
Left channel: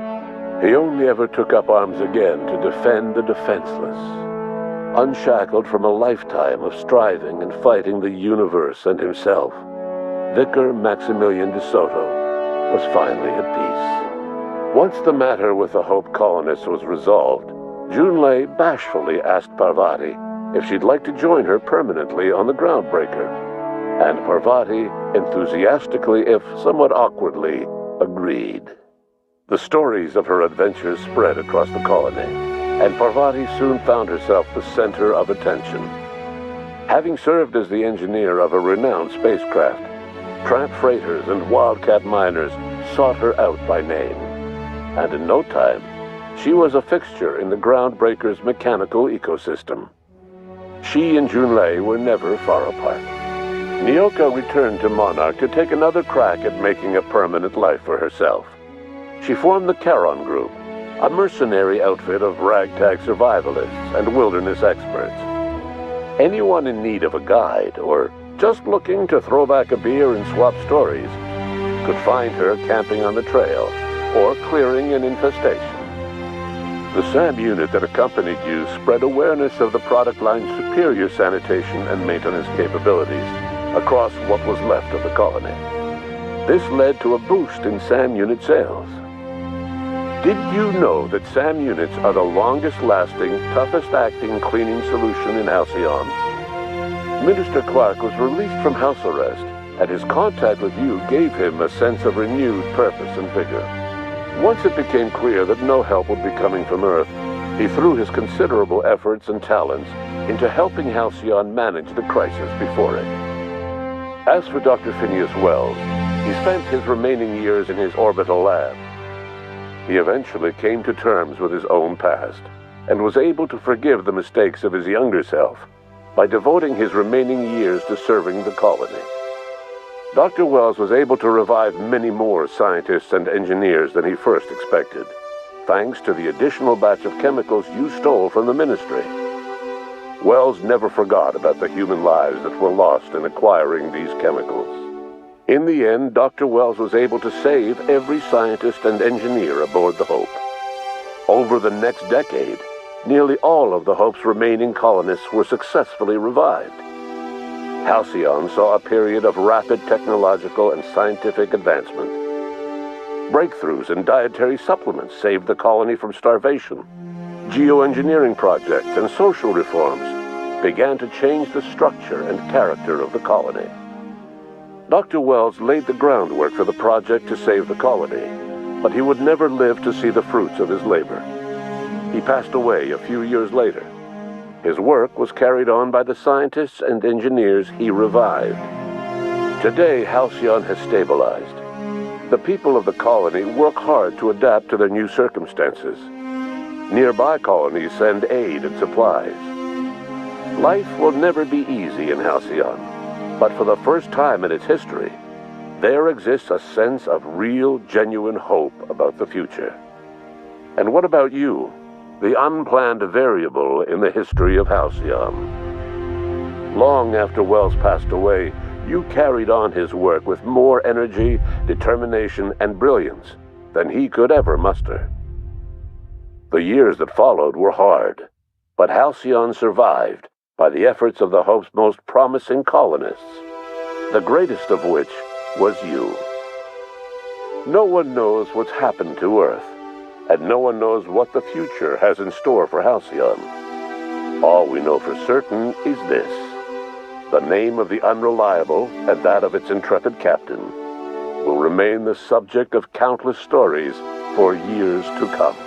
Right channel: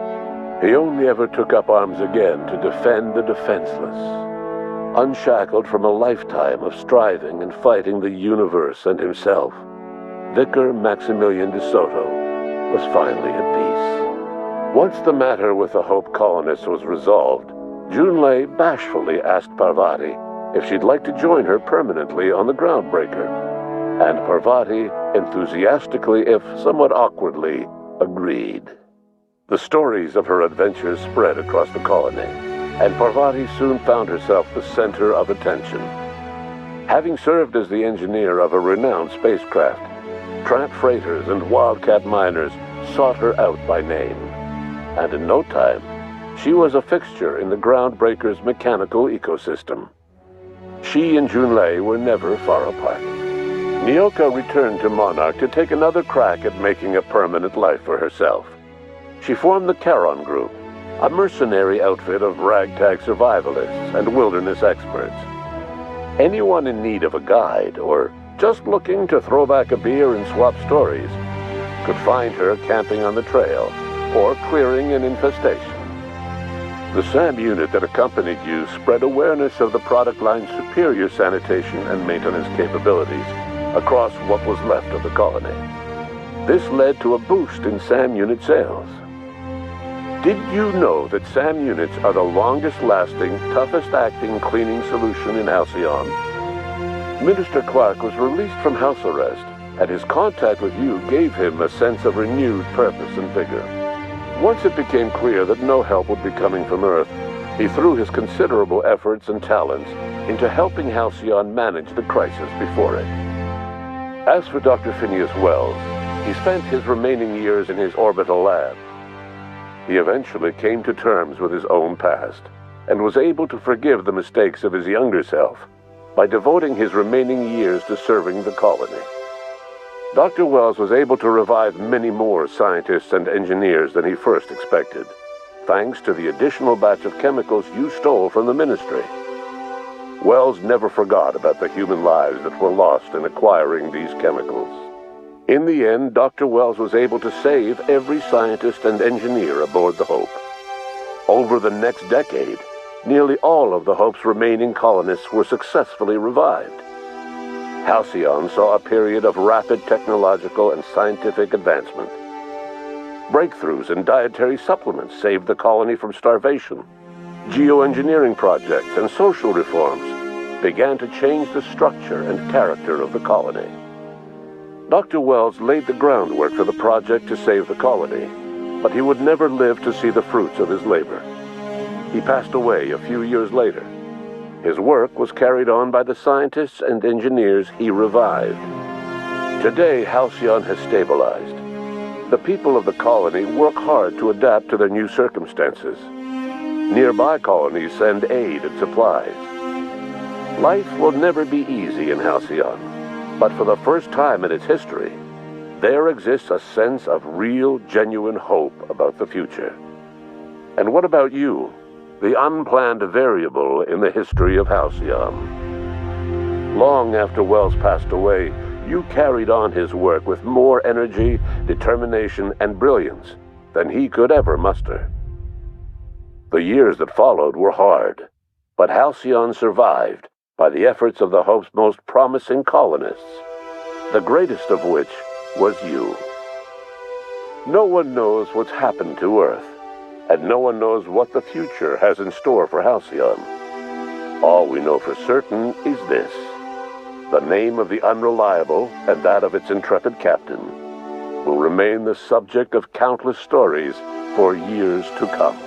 He only ever took up arms again to defend the defenseless. unshackled from a lifetime of striving and fighting the universe and himself, Vicar Maximilian de Soto was finally at peace. Once the matter with the Hope colonists was resolved, Junlei bashfully asked Parvati if she'd like to join her permanently on the Groundbreaker, and Parvati enthusiastically, if somewhat awkwardly, agreed. The stories of her adventures spread across the colony, and Parvati soon found herself the center of attention. Having served as the engineer of a renowned spacecraft, tramp freighters and wildcat miners sought her out by name, and in no time, she was a fixture in the Groundbreaker's mechanical ecosystem. She and Junlei were never far apart. Nyoka returned to Monarch to take another crack at making a permanent life for herself. She formed the Charon Group, a mercenary outfit of ragtag survivalists and wilderness experts. Anyone in need of a guide, or just looking to throw back a beer and swap stories, could find her camping on the trail, or clearing an infestation. The SAM unit that accompanied you spread awareness of the product line's superior sanitation and maintenance capabilities across what was left of the colony. This led to a boost in SAM unit sales. Did you know that SAM units are the longest-lasting, toughest-acting cleaning solution in Halcyon? Minister Clark was released from house arrest, and his contact with you gave him a sense of renewed purpose and vigor. Once it became clear that no help would be coming from Earth, he threw his considerable efforts and talents into helping Halcyon manage the crisis before it. As for Dr. Phineas Wells, he spent his remaining years in his orbital lab. He eventually came to terms with his own past, and was able to forgive the mistakes of his younger self by devoting his remaining years to serving the colony. Dr. Wells was able to revive many more scientists and engineers than he first expected, thanks to the additional batch of chemicals you stole from the Ministry. Wells never forgot about the human lives that were lost in acquiring these chemicals. In the end, Dr. Wells was able to save every scientist and engineer aboard the Hope. Over the next decade, nearly all of the Hope's remaining colonists were successfully revived. Halcyon saw a period of rapid technological and scientific advancement. Breakthroughs in dietary supplements saved the colony from starvation. Geoengineering projects and social reforms began to change the structure and character of the colony. Dr. Wells laid the groundwork for the project to save the colony, but he would never live to see the fruits of his labor. He passed away a few years later. His work was carried on by the scientists and engineers he revived. Today, Halcyon has stabilized. The people of the colony work hard to adapt to their new circumstances. Nearby colonies send aid and supplies. Life will never be easy in Halcyon, but for the first time in its history, there exists a sense of real, genuine hope about the future. And what about you, the unplanned variable in the history of Halcyon? Long after Wells passed away, you carried on his work with more energy, determination, and brilliance than he could ever muster. The years that followed were hard, but Halcyon survived by the efforts of the Hope's most promising colonists, the greatest of which was you. No one knows what's happened to Earth, and no one knows what the future has in store for Halcyon. All we know for certain is this: the name of the Unreliable and that of its intrepid captain will remain the subject of countless stories for years to come.